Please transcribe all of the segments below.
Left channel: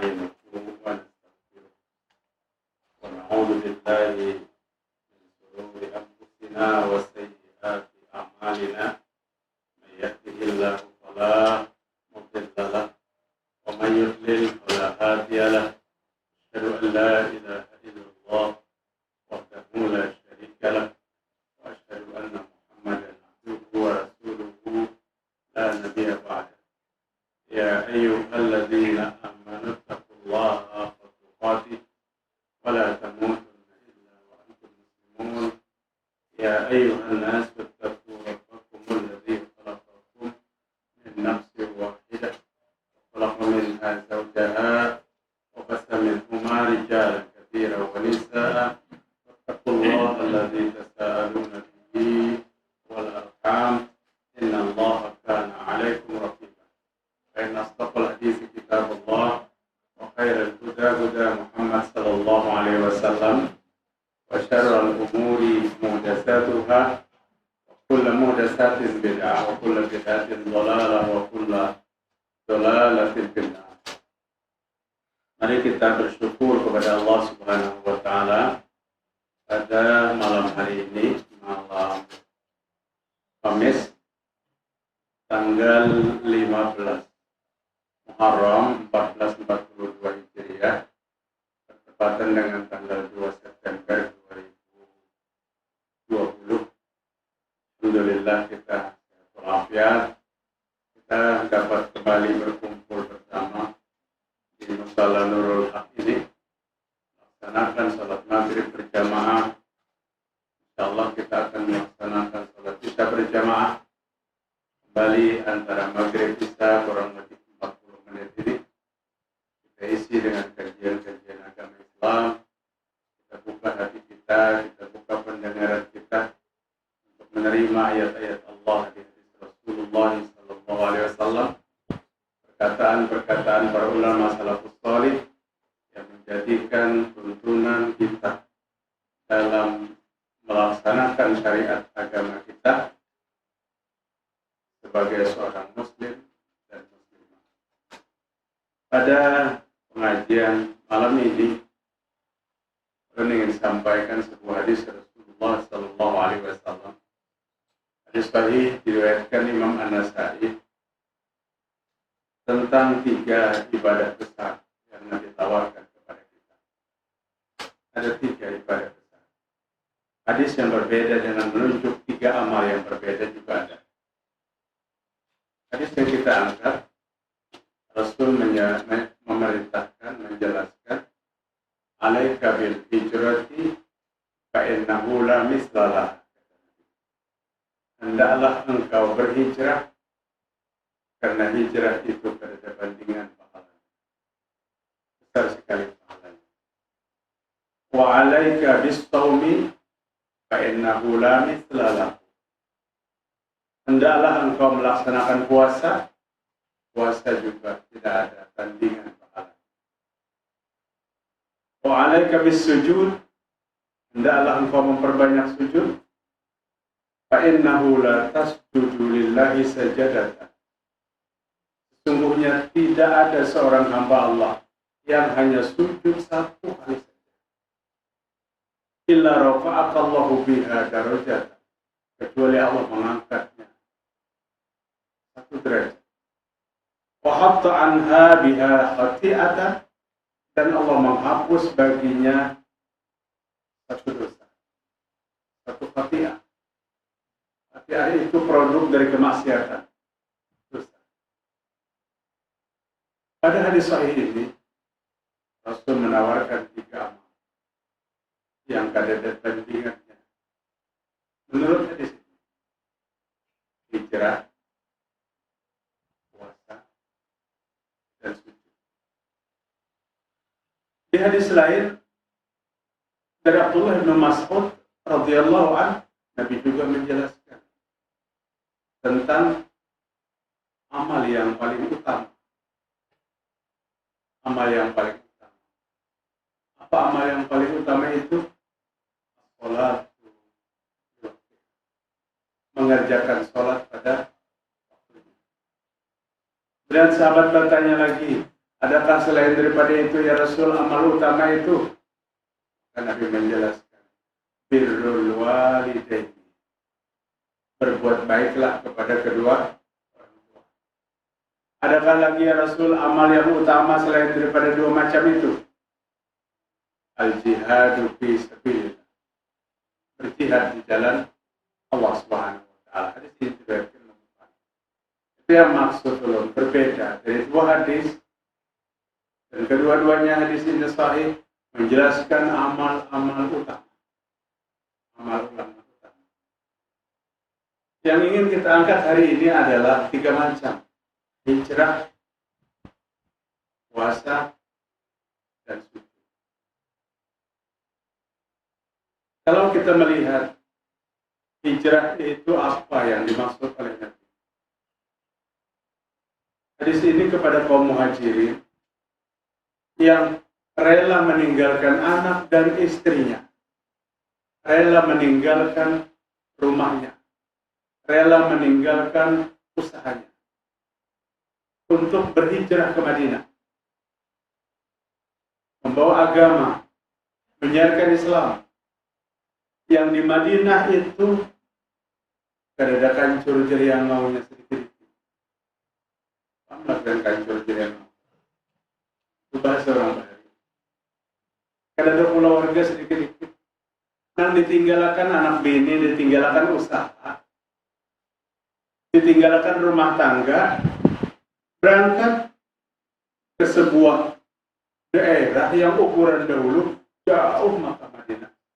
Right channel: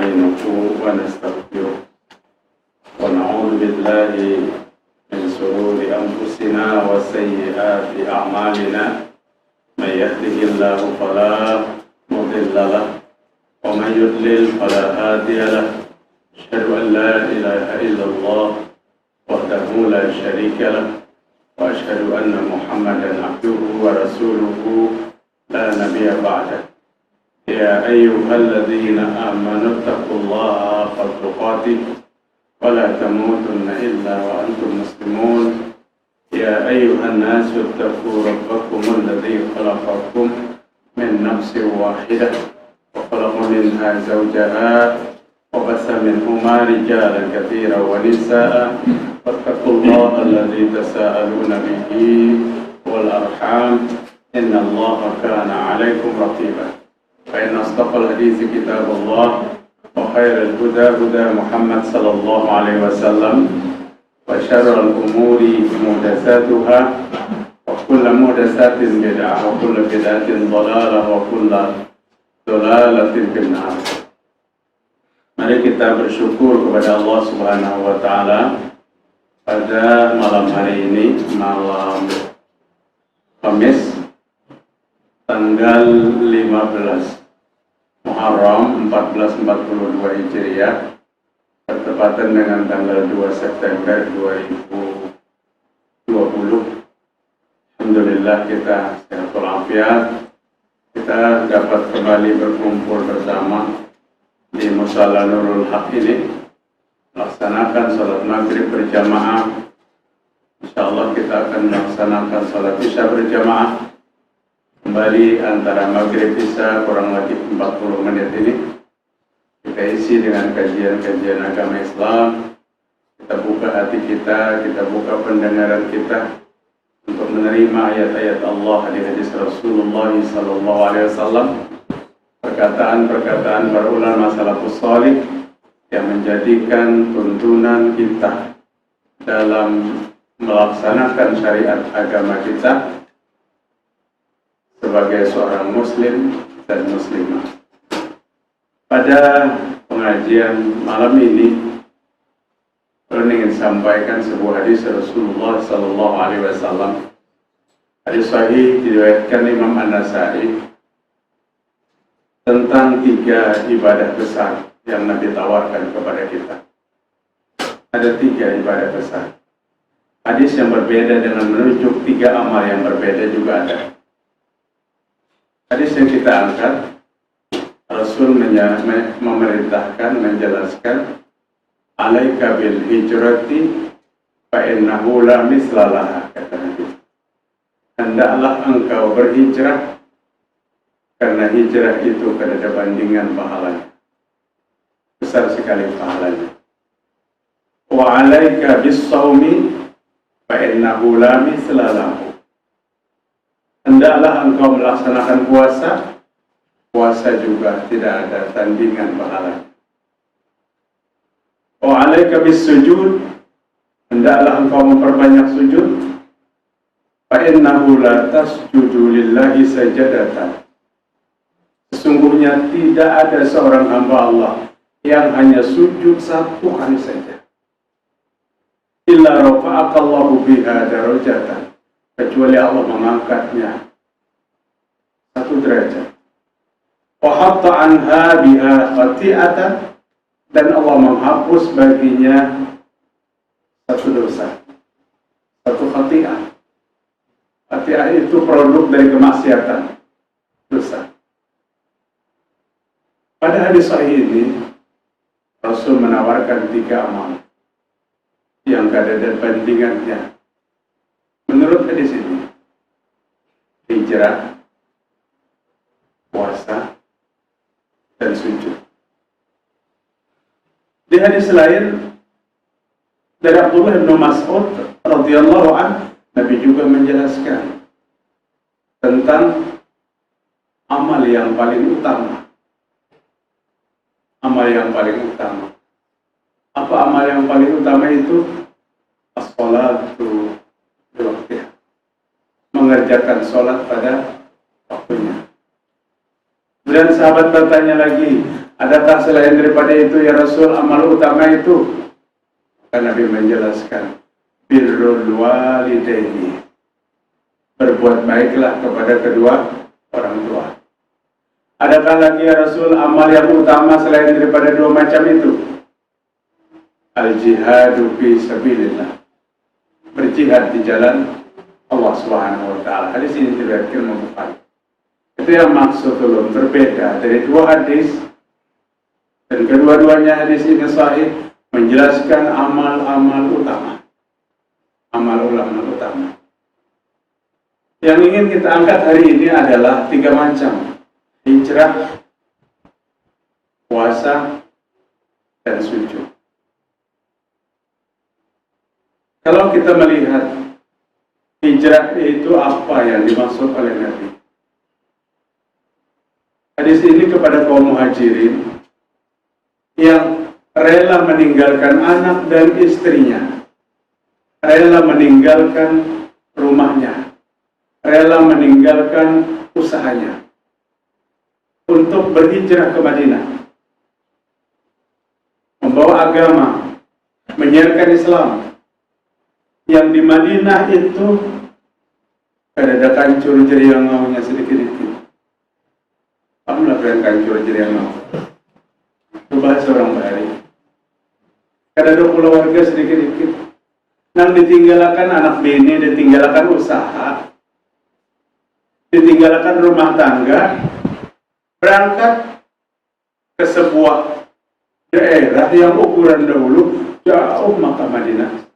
ونستعينه ونستغفره ونعوذ بالله من شرور أنفسنا وسيئات أعمالنا من يهده الله فلا مضل له ومن يضلل فلا هادي له أشهد أن لا إله إلا الله وحده لا شريك له وأشهد أن محمدا عبده ورسوله لا نبي بعده يا أيها الذين آمنوا اتقوا الله حق تقاته ولا تموتن إلا وأنتم مسلمون يا أيها الناس اتقوا ربكم الذي خلقكم من نفس واحدة وخلق منها زوجها وبث منهما رجالا كثيرا ونساء واتقوا الله الذي تساءلون به والأرحام إن الله كان عليكم رقيبا فإن أصدق الحديث كتاب الله وخير الهدى هدى محمد صلى الله عليه وسلم وشر الأمور محدثاتها وكل محدثات بدعة وكل بدعة ضلالة وكل ضلالة في النار. Mari kita bersyukur kepada Allah Subhanahu wa Ta'ala pada malam hari ini, malam Kamis tanggal 15 Muharram 1442 Hijriah, bertepatan dengan tanggal 2 September 2020. Alhamdulillah kita sehat walafiat, kita dapat kembali berkumpul bersama di Musala Nurul Haq ini, melaksanakan salat maghrib berjamaah. InsyaAllah kita akan melaksanakan salat isya berjamaah kembali antara maghrib isya, kurang lebih 40 menit ini kita isi dengan kajian-kajian agama Islam. Kita buka hati kita buka pendengaran kita untuk menerima ayat-ayat Allah, hadis Rasulullah sallallahu alaihi wasallam, perkataan-perkataan para ulama salafus salih yang menjadikan tuntunan kita dalam melaksanakan syariat agama kita sebagai seorang muslim dan muslimah. Pada pengajian malam ini, saya ingin sampaikan sebuah hadis Rasulullah sallallahu alaihi wasallam. Hadis sahih diriwayatkan Imam An-Nasa'i tentang 3 ibadah besar yang Nabi tawarkan kepada kita. Ada 3 ibadah besar. Hadis yang berbeda dengan menunjuk 3 amal yang berbeda juga ada. Hadis yang kita angkat, Rasul memerintahkan, menjelaskan, alaika bil hijrati fa innahu la mislalaha, kata Nabi. Hendaklah engkau berhijrah, karena hijrah itu tidak ada bandingan pahalanya. Besar sekali pahalanya. Wa alaika bis shaumi fa innahu la mislalahu. Hendaklah engkau melaksanakan puasa, puasa juga tidak ada tandingan pahalanya. Wa alaika bis sujud, hendaklah engkau memperbanyak sujud, fa innahu la tasjudu lillahi sajadatan. Sesungguhnya tidak ada seorang hamba Allah yang hanya sujud 1 kali saja, illa rafa'akallahu biha darajatan, kecuali Allah mengangkatnya 1 derajat. Wa hatta anha biha khati'atan, dan Allah menghapus baginya 1 dosa, 1 khati'ah. Khati'ah itu produk dari kemaksiatan, dosa. Pada hadis sahih ini, Rasul menawarkan 3 amal yang tidak ada bandingannya. Menurut hadis ini, hijrah, puasa, dan sujud. Di hadis lain dari Abdullah bin Mas'ud radhiyallahu anhu, Nabi juga menjelaskan tentang amal yang paling utama. Amal yang paling utama. Apa amal yang paling utama itu? As-sholatu bi waqtiha. Mengerjakan sholat pada waktunya. Kemudian sahabat bertanya lagi, Adakah selain daripada itu ya Rasul amal utama itu? Karena Nabi menjelaskan, birrul walidaini, berbuat baiklah kepada kedua orang tua. Adakah lagi ya Rasul amal yang utama selain daripada dua macam itu? Al-jihadu fi sabilillah, berjihad di jalan Allah Subhanahu wa taala. Hadis ini diriwayatkan Imam Bukhari. Itu yang maksud ulun berbeda dari dua hadis, dan kedua-duanya hadis ini sahih menjelaskan amal-amal utama. Amal-amal utama. Yang ingin kita angkat hari ini adalah 3 macam: hijrah, puasa, dan sujud. Kalau kita melihat hijrah itu apa yang dimaksud oleh Nabi? Hadis ini kepada kaum muhajirin yang rela meninggalkan anak dan istrinya, rela meninggalkan rumahnya, rela meninggalkan usahanya untuk berhijrah ke Madinah, membawa agama, menyiarkan Islam. Yang di Madinah itu ada kancur jeriang ngaunya sedikit-sedikit. Kamu lakukan kancur jeriang ngau. Itu bahasa orang Bali. Ada pulau warga sedikit-sedikit. Nang ditinggalkan anak bini, ditinggalkan usaha, ditinggalkan rumah tangga, berangkat ke sebuah daerah yang ukuran dahulu jauh Makkah Madinah.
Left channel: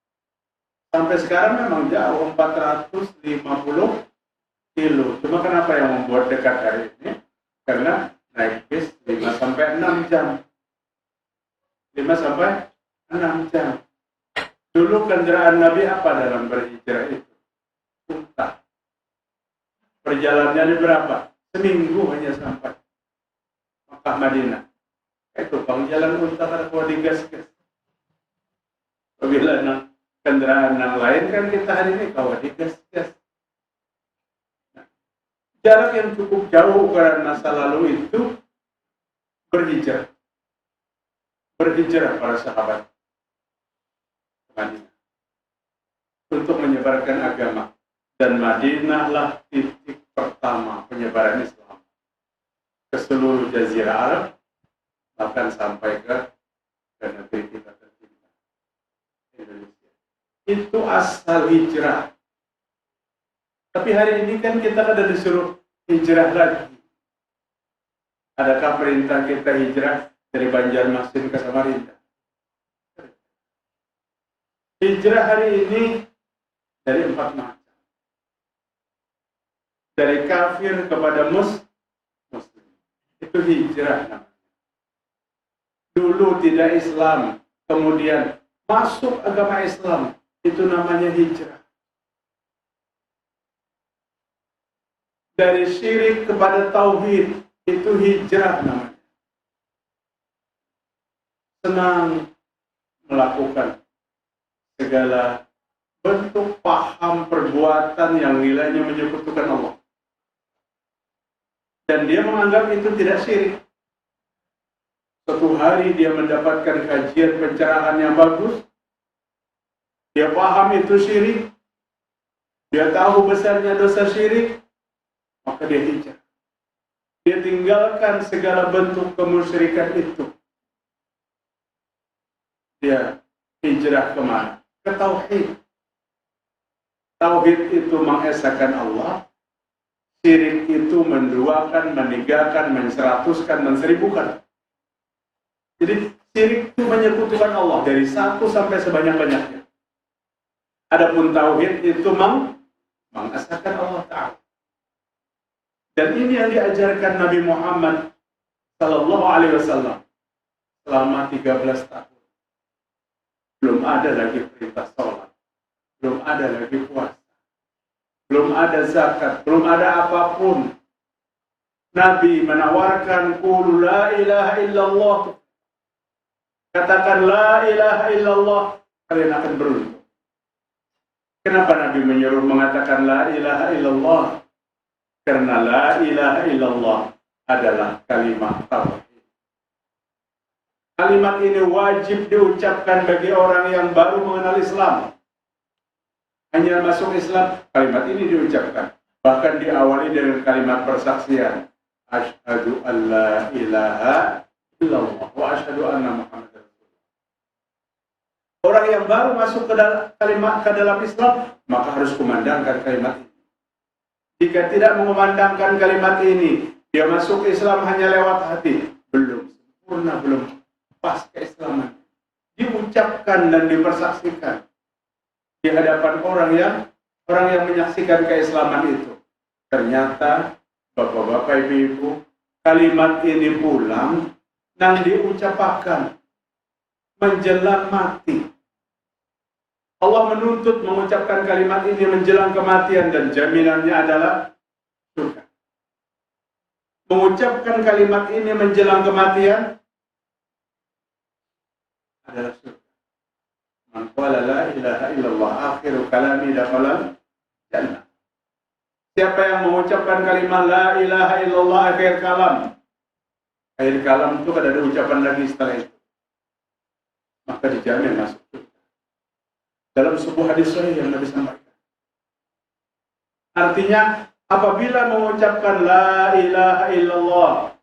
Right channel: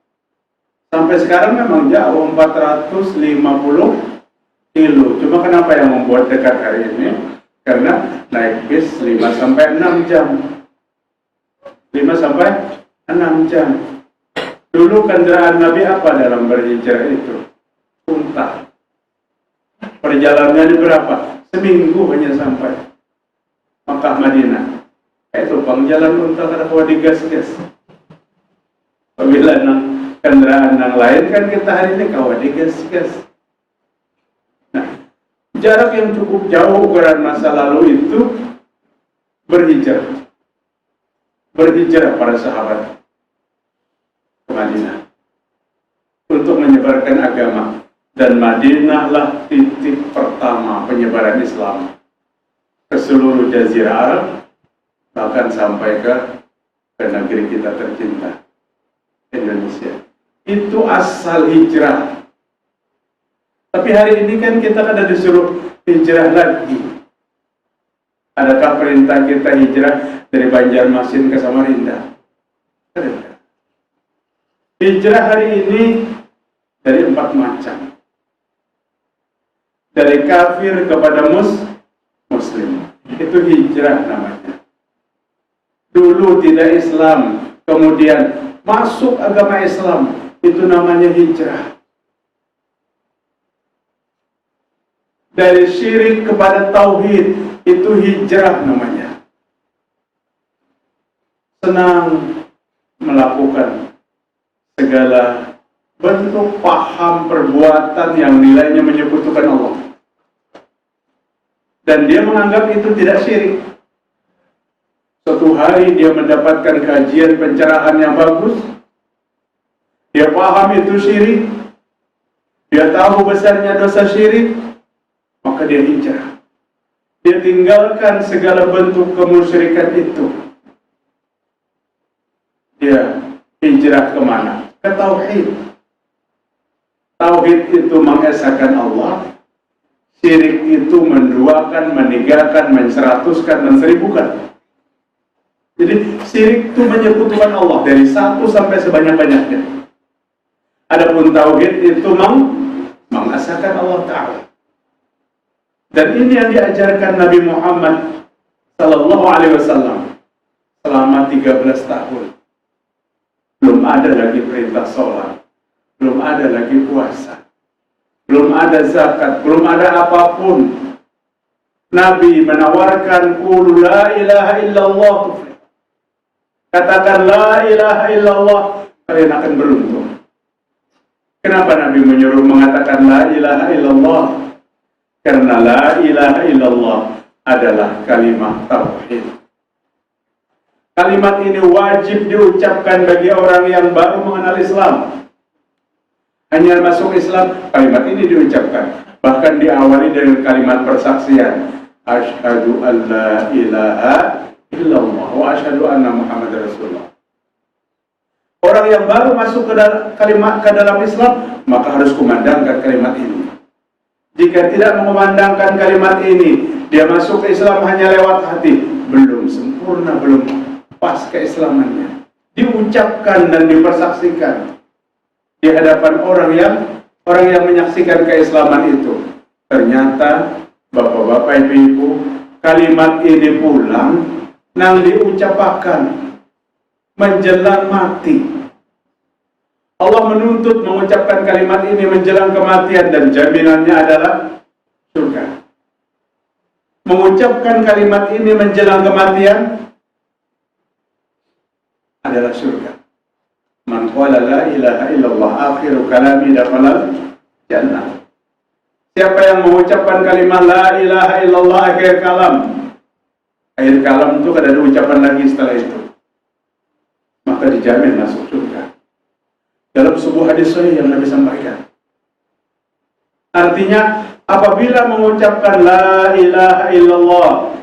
Sampai sekarang memang jauh, 450 kilo. Cuma kenapa yang membuat dekat hari ini? Karena naik bis 5-6 jam. 5-6 jam. Dulu kendaraan Nabi apa dalam berhijrah itu? Unta. Perjalanannya berapa? Seminggu hanya sampai Makkah Madinah. Itu pangjalan unta karena kau digas-gas. Apabila kendaraan yang lain kan kita hari ini kau digas-gas. Nah, jarak yang cukup jauh karena masa lalu itu berhijrah. Berhijrah para sahabat ke Madinah untuk menyebarkan agama, dan Madinahlah titik pertama penyebaran Islam ke seluruh jazirah Arab, bahkan sampai ke negeri kita tercinta, Indonesia. Itu asal hijrah. Tapi hari ini kan kita ada disuruh hijrah lagi. Adakah perintah kita hijrah dari Banjarmasin ke Samarinda? Ada. Hijrah hari ini dari 4 macam. Dari kafir kepada muslim. Itu hijrah namanya. Dulu tidak Islam, kemudian masuk agama Islam, itu namanya hijrah. Dari syirik kepada tauhid, itu hijrah namanya. Senang melakukan segala bentuk paham perbuatan yang nilainya menyekutukan Allah. Dan dia menganggap itu tidak syirik. Suatu hari dia mendapatkan kajian pencerahan yang bagus, dia paham itu syirik, dia tahu besarnya dosa syirik, maka dia hijrah. Dia tinggalkan segala bentuk kemusyrikan itu. Dia hijrah kemana? Ke tauhid. Tauhid itu mengesahkan Allah, syirik itu menduakan, meninggalkan, menseratuskan, menseribukan. Jadi syirik itu menyekutukan Allah dari 1 sampai sebanyak-banyaknya. Adapun tauhid itu mengesahkan Allah Ta'ala. Dan ini yang diajarkan Nabi Muhammad Sallallahu Alaihi Wasallam selama 13 tahun. Belum ada lagi perintah sholat, belum ada lagi puasa, belum ada zakat, belum ada apapun. Nabi menawarkan qul la ilaha illallah. Katakan la ilaha illallah, kalian akan beruntung. Kenapa Nabi menyuruh mengatakan la ilaha illallah? Karena la ilaha illallah adalah kalimat tauhid. Kalimat ini wajib diucapkan bagi orang yang baru mengenal Islam. Hanya masuk Islam, kalimat ini diucapkan. Bahkan diawali dengan kalimat persaksian. Asyhadu an la ilaha illallah wa asyhadu anna Muhammadar Rasulullah. Orang yang baru masuk ke dalam Islam, maka harus kumandangkan kalimat ini. Jika tidak mengumandangkan kalimat ini, dia masuk ke Islam hanya lewat hati, belum sempurna, belum pas keislamannya. Diucapkan dan dipersaksikan di hadapan orang yang menyaksikan keislaman itu. Ternyata bapak-bapak, ibu-ibu, kalimat ini pulang nang diucapkan menjelang mati. Allah menuntut mengucapkan kalimat ini menjelang kematian dan jaminannya adalah surga. Mengucapkan kalimat ini menjelang kematian adalah surga. Man qala la ilaha illallah akhiru kalami dakhala jannah. Siapa yang mengucapkan kalimat la ilaha illallah akhir kalam. Akhir kalam itu kada ada ucapan lagi setelah itu. Maka dijamin masuk surga. Dalam sebuah hadis sahih yang Nabi sampaikan. Artinya apabila mengucapkan la ilaha illallah,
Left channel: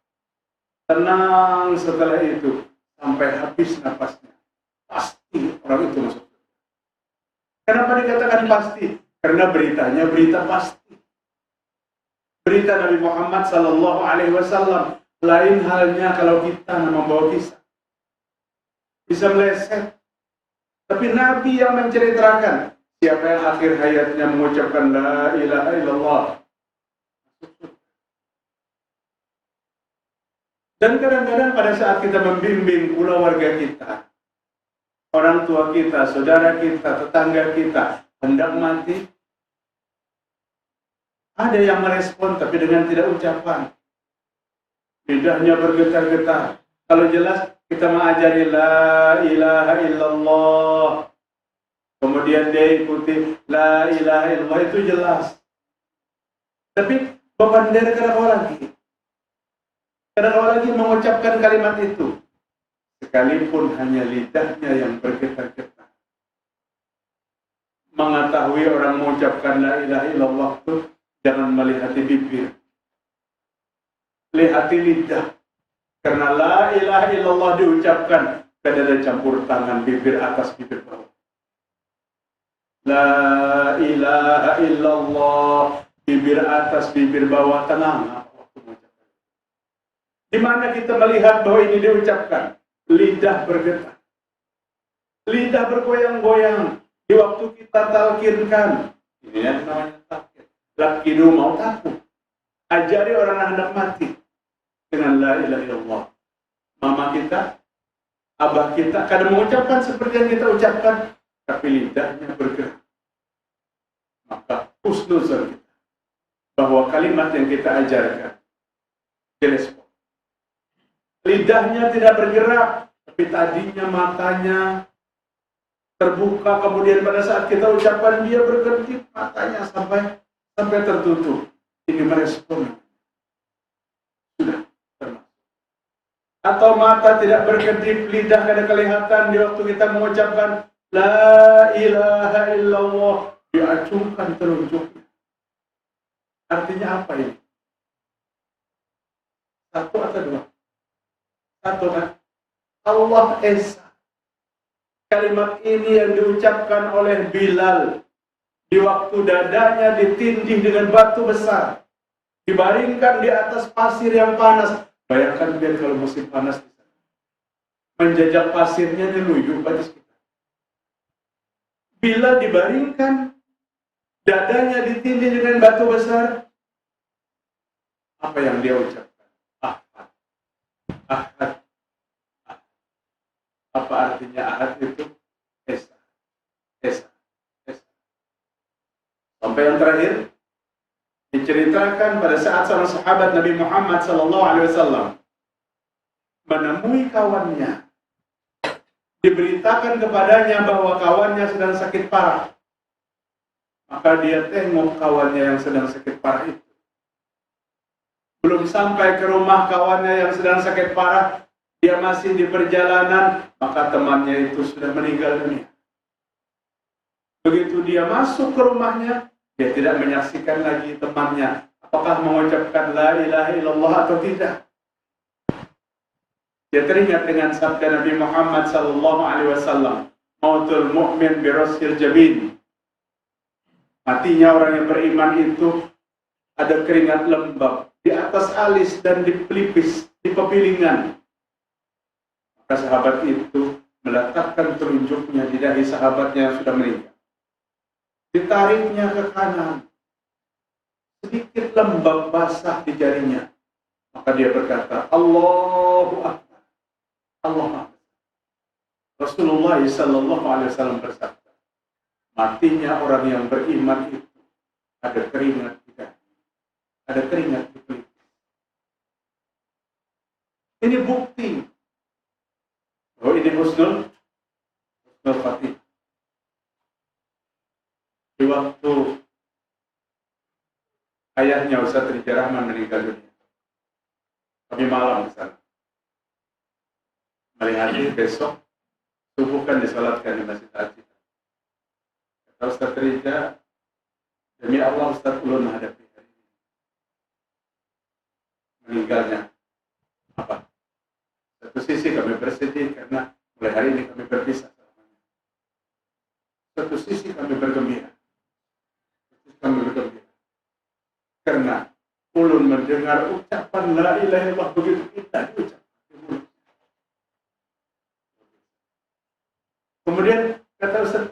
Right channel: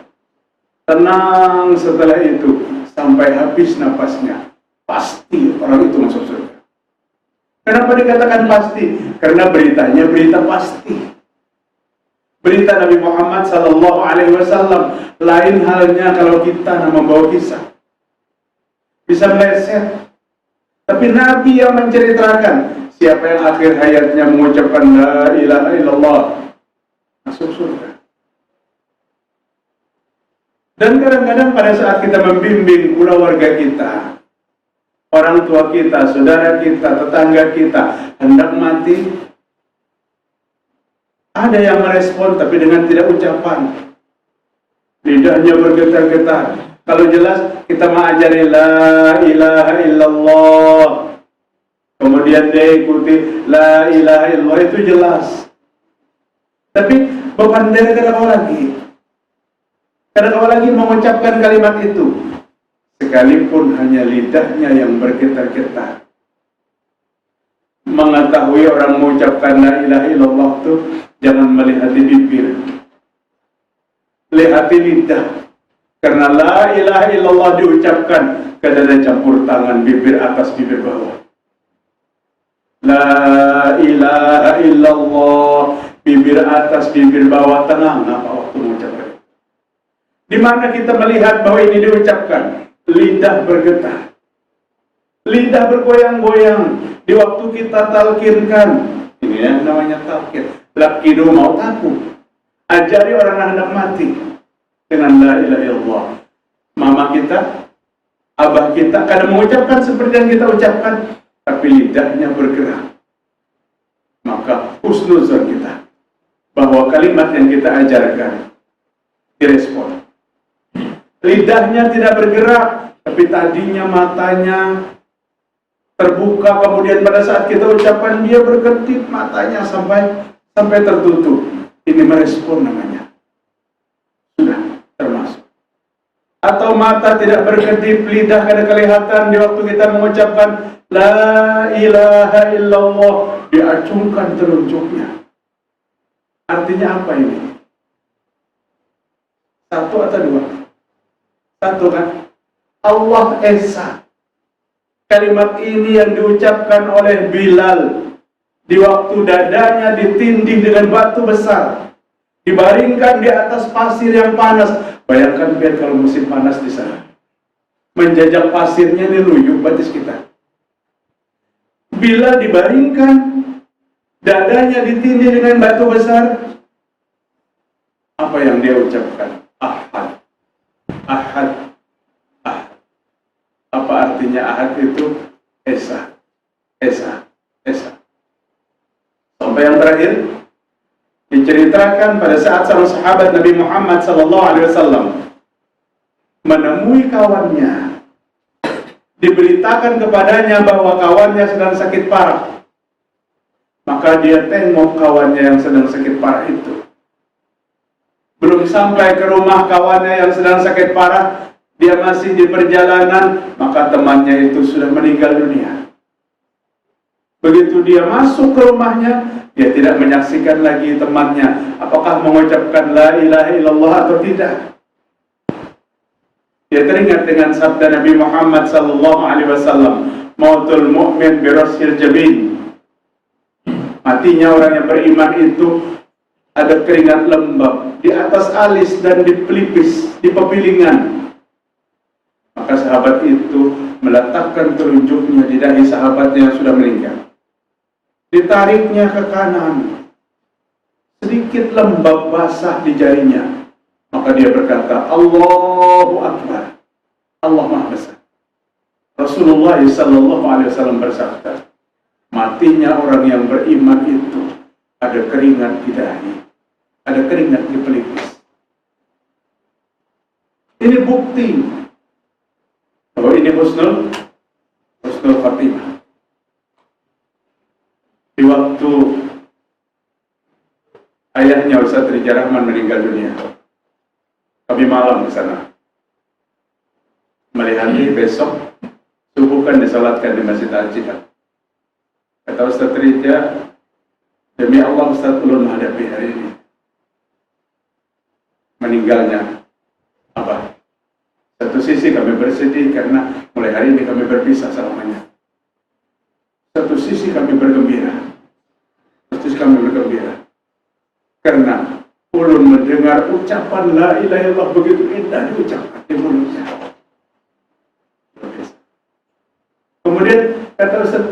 tenang setelah itu sampai habis napasnya, pasti orang itu masuk surga. Kenapa dikatakan pasti? Karena beritanya berita pasti. Berita Nabi Muhammad SAW. Lain halnya kalau kita membawa kisah, bisa meleset. Tapi Nabi yang menceritakan, siapa yang akhir hayatnya mengucapkan la ilaha illallah, masuk surga. Dan kadang-kadang pada saat kita membimbing pula warga kita, orang tua kita, saudara kita, tetangga kita hendak mati, ada yang merespon tapi dengan tidak ucapan, lidahnya bergetar-getar. Kalau jelas kita mengajari la ilaha illallah, kemudian dia ikuti la ilaha illallah, itu jelas. Tapi beban dari kadang-kadang lagi mengucapkan kalimat itu, sekalipun hanya lidahnya yang bergetar-getar. Mengetahui orang mengucapkan la ilaha illallah itu jangan melihati bibir, lihati lidah. Karena la ilaha illallah diucapkan, kada ada campur tangan bibir atas bibir bawah. La ilaha illallah, bibir atas bibir bawah, tengah apa waktu mengucapkan. Di mana kita melihat bahwa ini diucapkan, lidah bergetar, lidah bergoyang-goyang di waktu kita talkinkan. Ini yang namanya talkin. Lakido mau takut, ajari orang yang hendak mati dengan la ilaha illallah. Mama kita, abah kita kadang mengucapkan seperti yang kita ucapkan, tapi lidahnya bergerak. Maka husnuzon kita bahwa kalimat yang kita ajarkan direspon. Lidahnya tidak bergerak, tapi tadinya matanya terbuka, kemudian pada saat kita ucapkan dia berkedip matanya sampai tertutup. Ini merespon namanya. Sudah termasuk. Atau mata tidak berkedip, lidah kada kelihatan di waktu kita mengucapkan la ilaha illallah, diacungkan telunjuknya. Artinya apa ini? Satu atau dua? Satu kan? Allah Esa. Kalimat ini yang diucapkan oleh Bilal di waktu dadanya ditindih dengan batu besar, dibaringkan di atas pasir yang panas. Bayangkan biar kalau musim panas di sana, menjajak pasirnya diluyup batis kita. Bila dibaringkan, dadanya ditindih dengan batu besar, apa yang dia ucapkan? Ahad, ahad, ahad. Apa artinya ahad itu? Esa, esa, esa. Sampai yang terakhir diceritakan pada saat seorang sahabat Nabi Muhammad SAW menemui kawannya, diberitakan kepadanya bahwa kawannya sedang sakit parah. Maka dia tengok kawannya yang sedang sakit parah itu. Belum sampai ke rumah kawannya yang sedang sakit parah, dia masih di perjalanan, maka temannya itu sudah meninggal dunia. Begitu dia masuk ke rumahnya, dia tidak menyaksikan lagi temannya apakah mengucapkan la ilaha illallah atau tidak. Dia teringat dengan sabda Nabi Muhammad sallallahu alaihi wasallam, mautul mu'min birasil jabin. Matinya orang yang beriman itu ada keringat lembab di atas alis dan di pelipis, di pepilingan. Maka sahabat itu meletakkan telunjuknya di dahi sahabatnya yang sudah meninggal. Ditariknya ke kanan, sedikit lembab basah di jarinya. Maka dia berkata, Allahu Akbar, Allah Maha Besar. Rasulullah sallallahu alaihi wasallam bersabda, matinya orang yang beriman itu ada keringat di dahi, ada keringat di pelipis. Ini bukti bahwa ini husnul khatimah. Di waktu ayahnya Ustaz Rija Rahman meninggal dunia, kami malam di sana. Melihat besok subuh kan disalatkan di Masjid Al-Jihad. Kata Ustaz Rija, demi Allah Ustaz ulun menghadapi hari ini. Meninggalnya apa? Satu sisi kami bersedih karena mulai hari ini kami berpisah selamanya. Satu sisi kami bergembira. Satu sisi kami bergembira. Karena ulun mendengar ucapan la ilaha illallah begitu indah diucapkan di mulutnya. Kemudian kata Ustaz,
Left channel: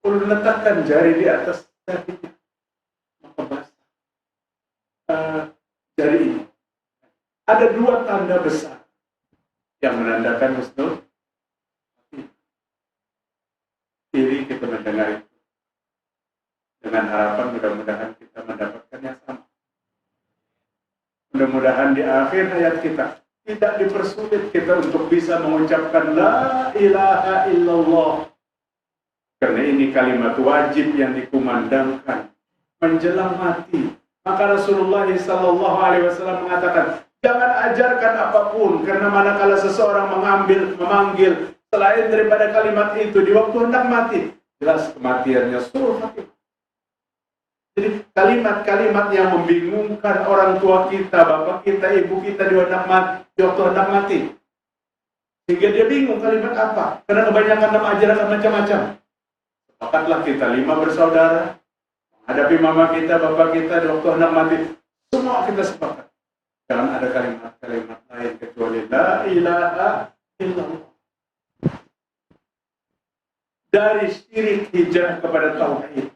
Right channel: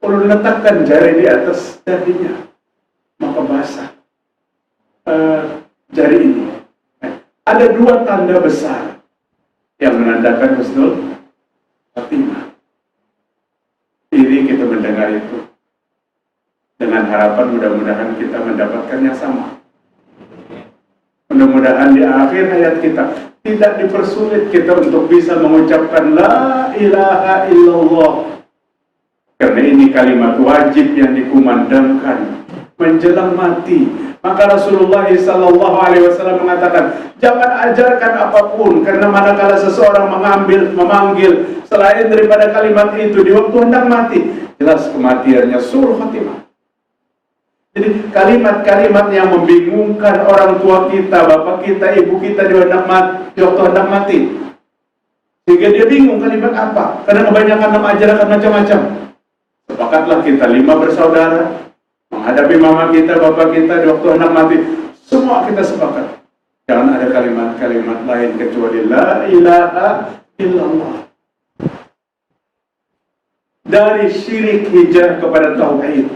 ulun letakkan jari di atas dahinya, maka basah jari ini. Ada dua tanda besar yang menandakan husnul khatimah. Iri kita mendengar itu, dengan harapan mudah-mudahan kita mendapatkan yang sama. Mudah-mudahan di akhir hayat kita tidak dipersulit kita untuk bisa mengucapkan la ilaha illallah. Karena ini kalimat wajib yang dikumandangkan menjelang mati. Maka Rasulullah SAW mengatakan, jangan ajarkan apapun, karena manakala seseorang memanggil selain daripada kalimat itu di waktu hendak mati, jelas kematiannya suul khatimah. Jadi kalimat-kalimat yang membingungkan orang tua kita, bapak kita, ibu kita di waktu hendak mati, sehingga dia bingung kalimat apa, karena kebanyakan ajarkan macam-macam. Sepakatlah kita 5 bersaudara menghadapi mama kita, bapak kita di waktu hendak mati. Semua kita sepakat, jangan ada kalimat-kalimat lain kecuali la ilaha illallah. Dari syirik hijrah kepada tauhid.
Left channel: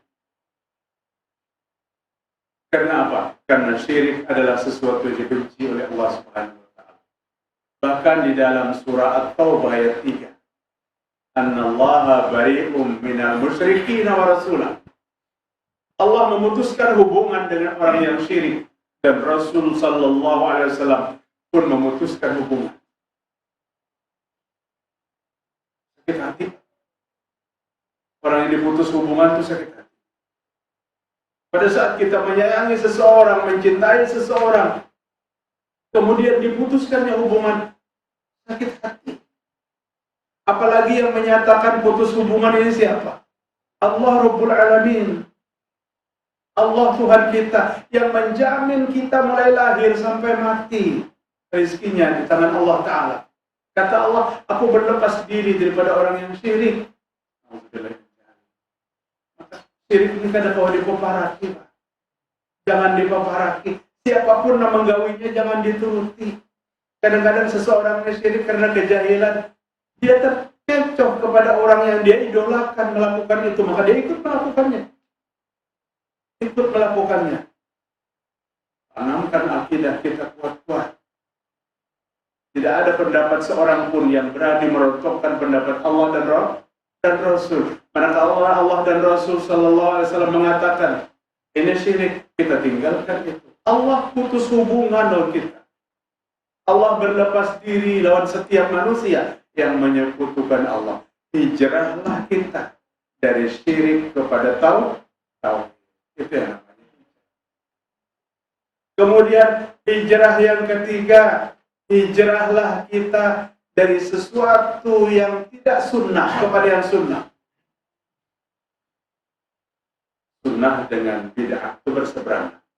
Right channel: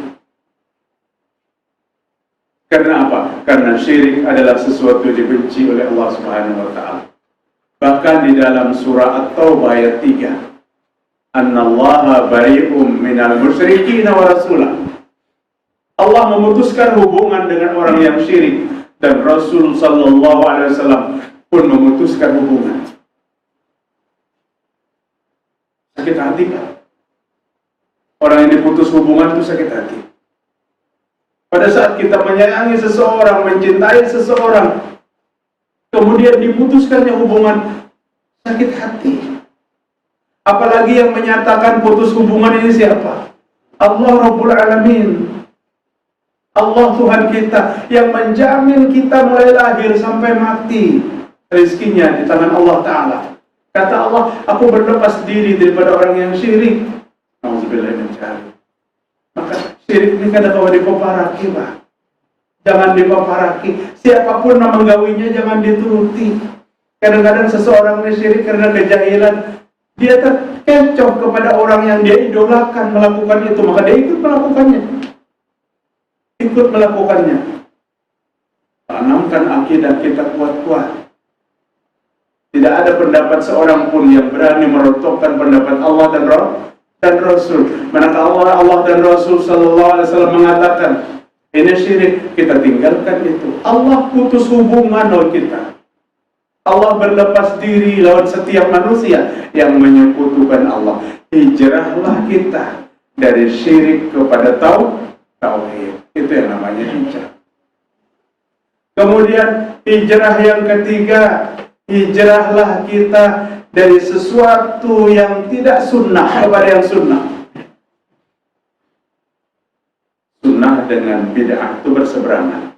Karena apa? Karena syirik adalah sesuatu dibenci oleh Allah Subhanahu wa taala. Bahkan di dalam surah At-Taubah ayat 3, Annallaha bari'um minal musyrikin wa rasulah. Allah memutuskan hubungan dengan orang yang syirik, dan Rasul sallallahu alaihi wasallam pun memutuskan hubungan. Sakit hati kan? Orang yang diputus hubungan itu sakit hati. Pada saat kita menyayangi seseorang, mencintai seseorang, kemudian diputuskannya hubungan, sakit hati. Apalagi yang menyatakan putus hubungan ini siapa? Allah Rabbul Alamin. Allah Tuhan kita yang menjamin kita mulai lahir sampai mati, rezekinya di tangan Allah Ta'ala. Kata Allah, aku berlepas diri daripada orang yang syirik. Nauzubillah min dzalik. Maka syirik ini kadang-kadang dipaparaki, Pak. Jangan dipaparaki. Siapapun yang menggawinya jangan dituruti. Kadang-kadang seseorang ini syirik karena kejahilan, dia terkecoh kepada orang yang dia idolakan melakukan itu, maka dia ikut melakukannya. Tanamkan akidah kita kuat-kuat. Tidak ada pendapat seorang pun yang berani merontokkan pendapat Allah dan Rasul. Manakala Allah dan Rasul sallallahu alaihi wasallam mengatakan ini syirik, kita tinggalkan itu. Allah putus hubungan dengan kita. Allah berlepas diri lawan setiap manusia yang menyekutukan Allah. Hijrahlah kita dari syirik kepada tauhid. Itu yang namanya hijrah. Kemudian hijrah yang ketiga, hijrahlah kita dari sesuatu yang tidak sunnah kepada yang sunnah. Sunnah dengan bid'ah itu berseberangan.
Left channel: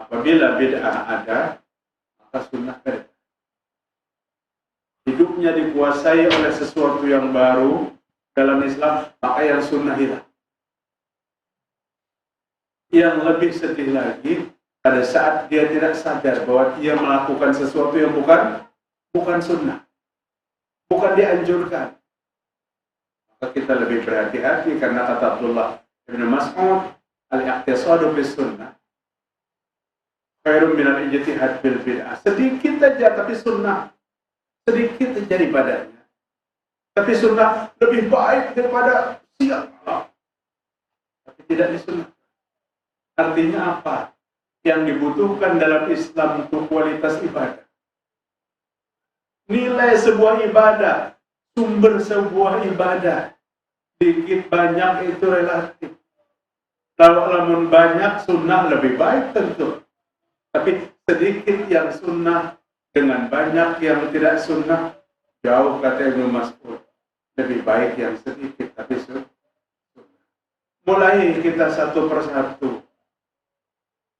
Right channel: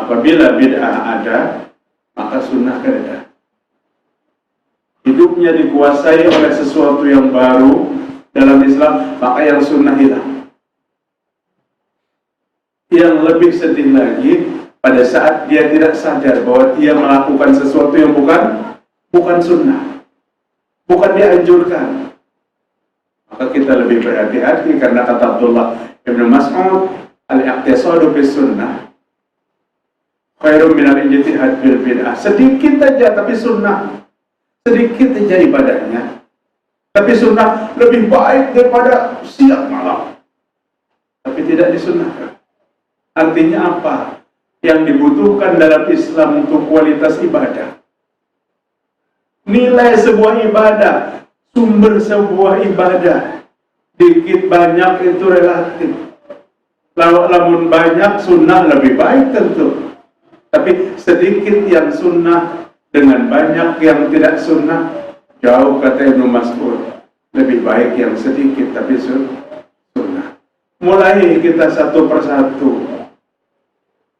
Apabila bid'ah ada, maka sunnah ada. Hidupnya dikuasai oleh sesuatu yang baru dalam Islam, maka yang sunnah hilang. Yang lebih sedih lagi, pada saat dia tidak sadar bahwa dia melakukan sesuatu yang bukan sunnah, bukan dianjurkan. Maka kita lebih berhati-hati, karena kata Abdullah Ibn Mas'ud, al-iqtisadu bis sunnah khairun minal ijtihad bil bid'ah. Sedikit aja tapi sunnah, sedikit aja ibadahnya, tapi sunnah lebih baik daripada siang malam, tapi tidak disunnahkan. Artinya apa? Yang dibutuhkan dalam Islam untuk kualitas ibadah, nilai sebuah ibadah, sumber sebuah ibadah, dikit banyak itu relatif. Lamun banyak sunnah lebih baik tentu, tapi sedikit yang sunnah dengan banyak yang tidak sunnah, jauh, kata Ibnu Mas'ud, lebih baik yang sedikit tapi sunnah. Mulai kita satu persatu.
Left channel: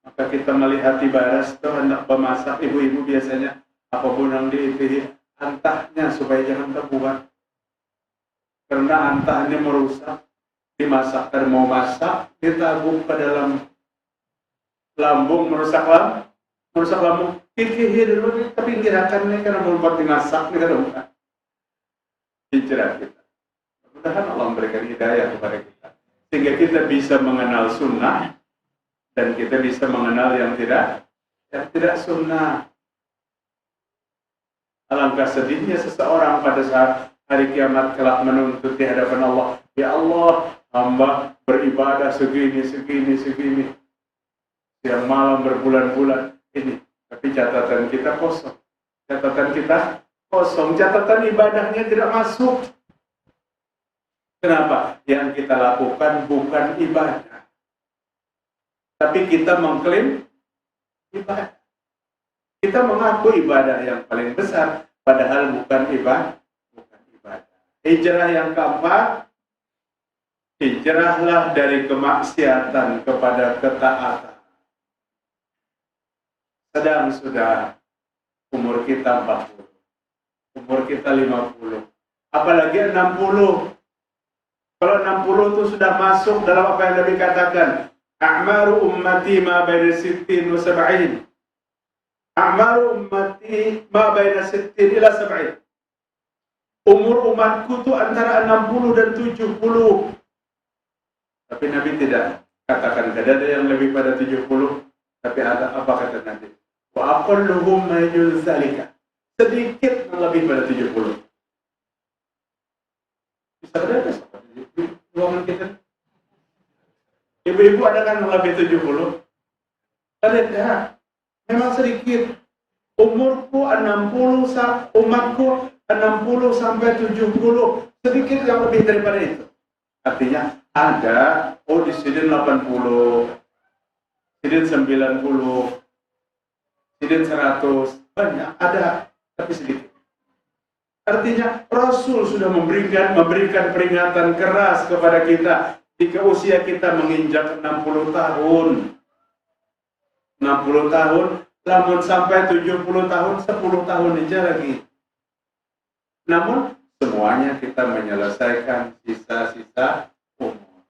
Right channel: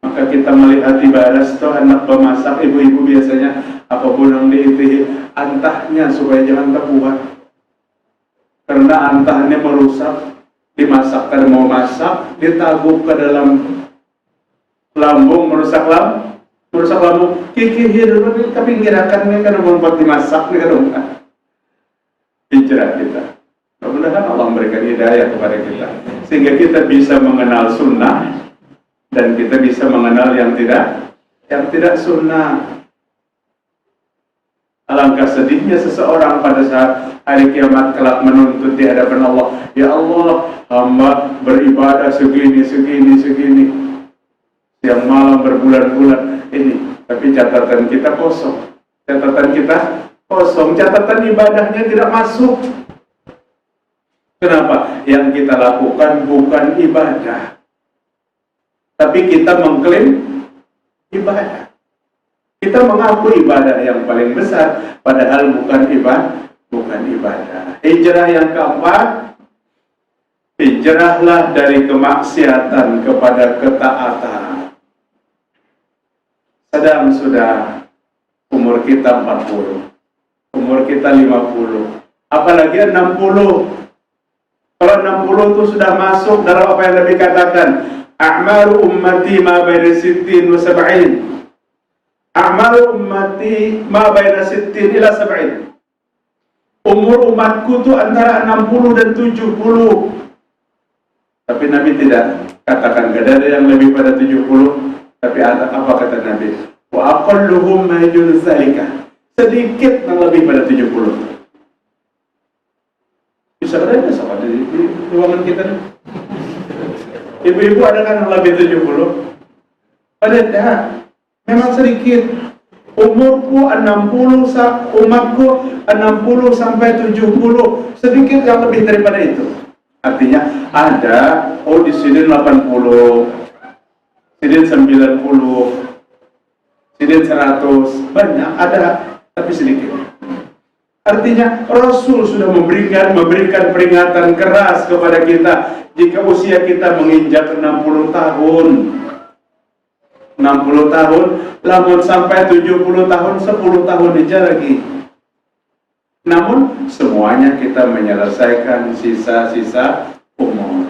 Maka kita melihat ibaras itu anak pemasak, ibu-ibu biasanya apapun yang diitihi antahnya supaya jangan terbuat, karena antahnya merusak. Dimasak karena mau masak, ditabuh ke dalam lambung, merusak lambung. Kiki dulu ke pinggirakan nih, karena mau dimasak nih kan. Hijrah kita. Mudah-mudahan Allah memberikan hidayah kepada kita, sehingga kita bisa mengenal sunnah dan kita bisa mengenal yang tidak sunnah. Alangkah sedihnya seseorang pada saat hari kiamat kelak menuntut di hadapan Allah, ya Allah, hamba beribadah segini, siang malam berbulan-bulan ini, tapi catatan kita kosong, catatan ibadahnya tidak masuk. Kenapa? Yang kita lakukan bukan ibadah, tapi kita mengklaim ibadah. Kita mengaku ibadah yang paling besar, padahal bukan ibadah. Hijrah yang keempat, hijrahlah dari kemaksiatan kepada ketaatan. Sedang sudah umur kita 40, umur kita 50, apalagi 60. Kalau 60 itu sudah masuk dalam apa yang Nabi katakan, a'maru ummati ma baina 60 wa 70. A'malu ummati ma baina 60 ila 70. Umur umatku itu antara 60 dan 70. Tapi Nabi tidak katakan gak ada yang lebih pada 70. Tapi apa kata Nabi? Wa aqalluhum ma yajuz zalika. Sedikit yang lebih pada 70. Bisa ada sama di ruangan kita nih. Ibu-ibu ada kan yang lebih 70? Ada. Memang sedikit. Umurku 60, umatku 60 sampai 70, sedikit yang lebih daripada itu. Artinya ada, di sini 80, sini 90, sini 100, banyak ada, tapi sedikit. Artinya Rasul sudah memberikan peringatan keras kepada kita jika usia kita menginjak 60 tahun. 60 tahun, lamun sampai 70 tahun, 10 tahun aja lagi. Namun semuanya kita menyelesaikan sisa-sisa umur.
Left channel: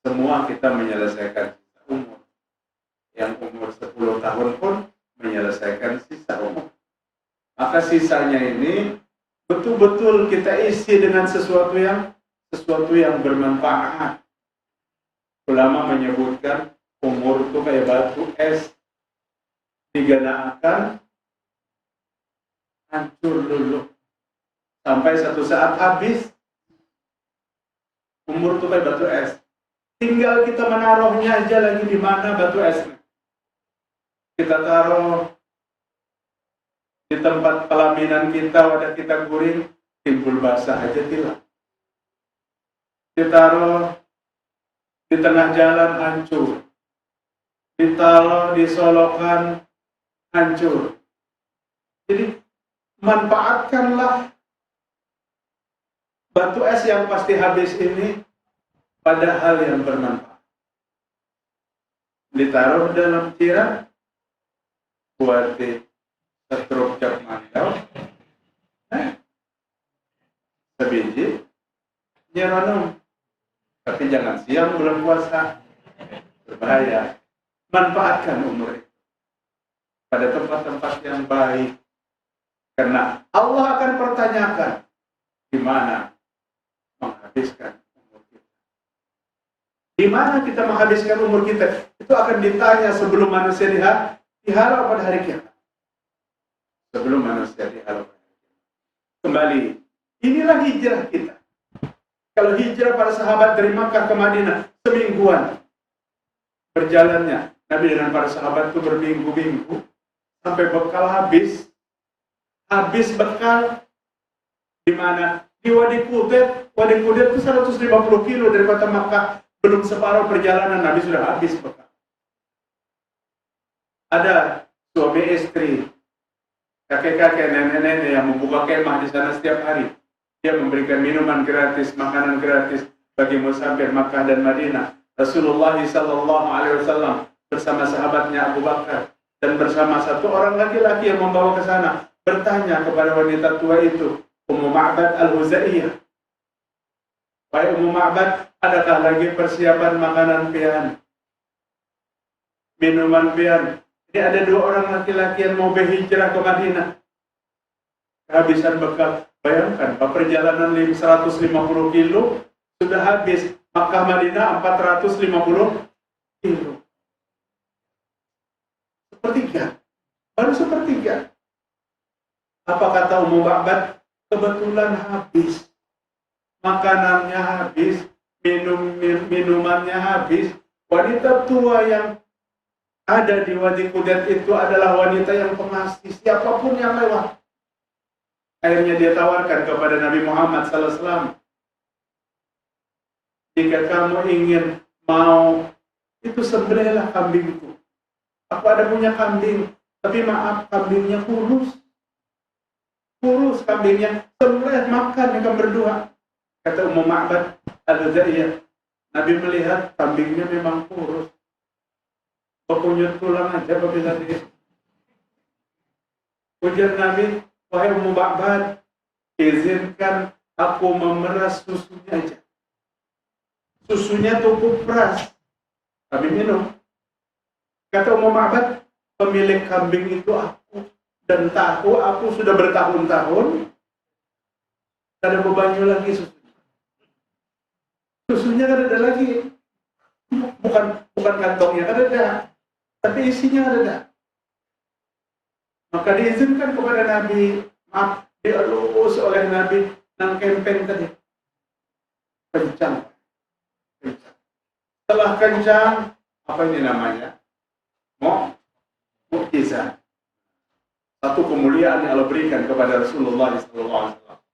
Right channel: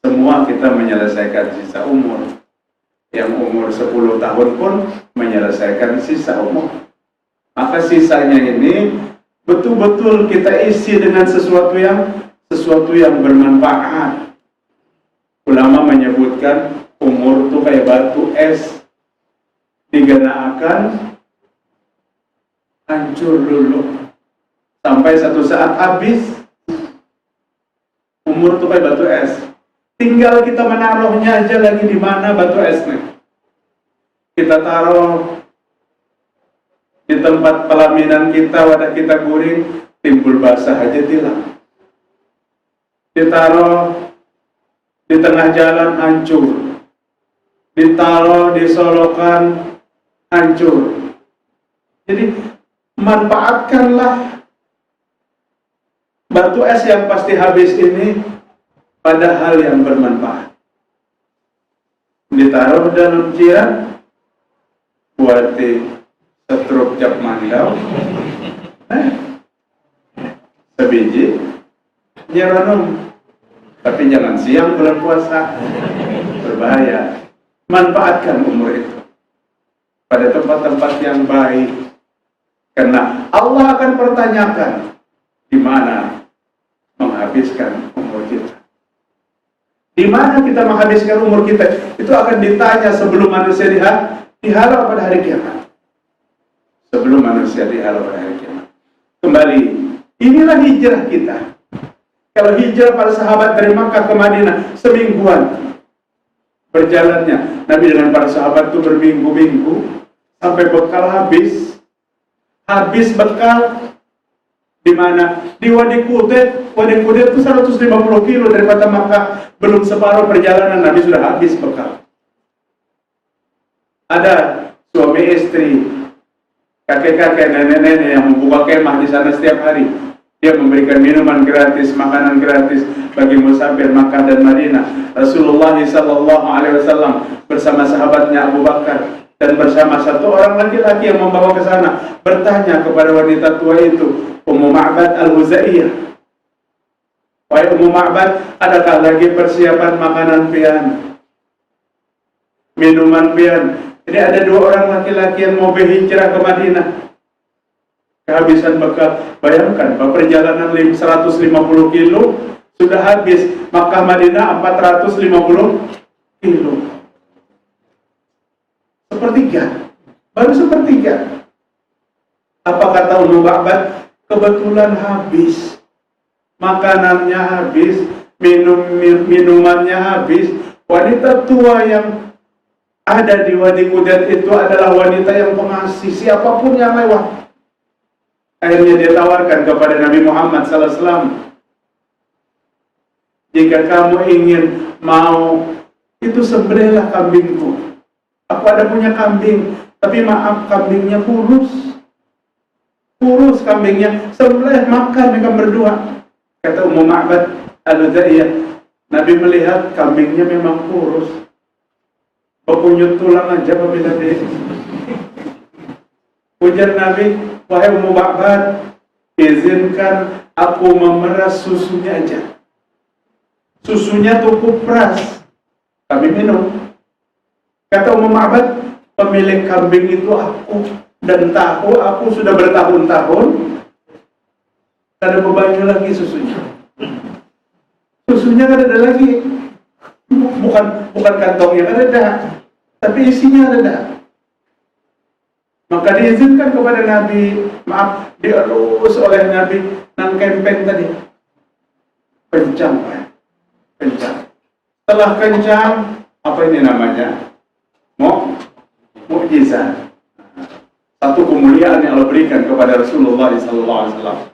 Semua kita menyelesaikan sisa umur. Yang umur 10 tahun pun menyelesaikan sisa umur. Maka sisanya ini betul-betul kita isi dengan sesuatu yang bermanfaat. Ulama menyebutkan umur itu kayak batu es, digenakan hancur luluh sampai satu saat habis. Umur itu kayak batu es, tinggal kita menaruhnya aja lagi di mana batu esnya. Kita taruh di tempat pelaminan kita, wadah kita guring, timbul basah aja tilang. Ditaruh di tengah jalan hancur. Ditaruh di solokan hancur. Jadi manfaatkanlah batu es yang pasti habis ini pada hal yang bermanfaat. Ditaruh dalam jiran, buati setruk cap mandau, sebiji, nyeronum. Tapi jangan siang bulan puasa, berbahaya. Manfaatkan umur itu pada tempat-tempat yang baik, karena Allah akan pertanyakan di mana menghabiskan umur kita. Di mana kita menghabiskan umur kita, itu akan ditanya sebelum manusia dihalau pada hari kiamat. Sebelum manusia dihalau pada hari kiamat. Kembali, inilah hijrah kita. Kalau hijrah para sahabat dari Makkah ke Madinah semingguan berjalannya, Nabi dengan para sahabat itu berminggu-minggu sampai bekal habis. Habis bekal di mana? Di Wadi Qudet. Wadi Qudet itu 150 kilo dari kota Makkah. Belum separuh perjalanan Nabi sudah habis bekal. Ada suami istri, kakek-kakek, nenek-nenek yang membuka kemah di sana setiap hari. Dia memberikan minuman gratis, makanan gratis bagi musafir Makkah dan Madinah. Rasulullah SAW bersama sahabatnya Abu Bakar dan bersama satu orang laki-laki yang membawa ke sana bertanya kepada wanita tua itu, Ummu Ma'bad Al-Huzaiyah, wahai Ummu Ma'bad, adakah lagi persiapan makanan pian, minuman pian? Jadi ada dua orang laki-laki yang mau berhijrah ke Madinah, kehabisan bekal. Bayangkan, perjalanan 150 kilo sudah habis. Makkah Madinah 450 kilo. Sepertiga, baru sepertiga. Apa kata Ummu Ma'bad? Kebetulan habis, makanannya habis, minumannya habis. Wanita tua yang ada di Wadi Qudet itu adalah wanita yang pengasih siapapun yang lewat. Akhirnya dia tawarkan kepada Nabi Muhammad SAW, jika kamu ingin mau, itu sembelihlah kambingku. Aku ada punya kambing, tapi maaf, kambingnya kurus. Kurus kambingnya, sembelih makan mereka berdua. Kata Ummu Ma'bad Al-Huzaiyah, Nabi melihat kambingnya memang kurus, berkunyut tulang aja apabila dia. Ujar Nabi, wahai Ummu Ma'bad, izinkan aku memeras susunya aja. Susunya cukup peras, kami minum. Kata Ummu Ma'bad, pemilik kambing itu aku, dan tahu aku sudah bertahun-tahun ada bebannya lagi susunya. Susunya kan ada lagi, bukan kantongnya kan ada, tapi isinya ada. Maka diizinkan kepada Nabi, maaf, dielus oleh Nabi nang kempen tadi. Kencang, Pak. Kencang. Setelah kencang, apa ini namanya? Mukjizat. Satu kemuliaan yang Allah berikan kepada Rasulullah SAW.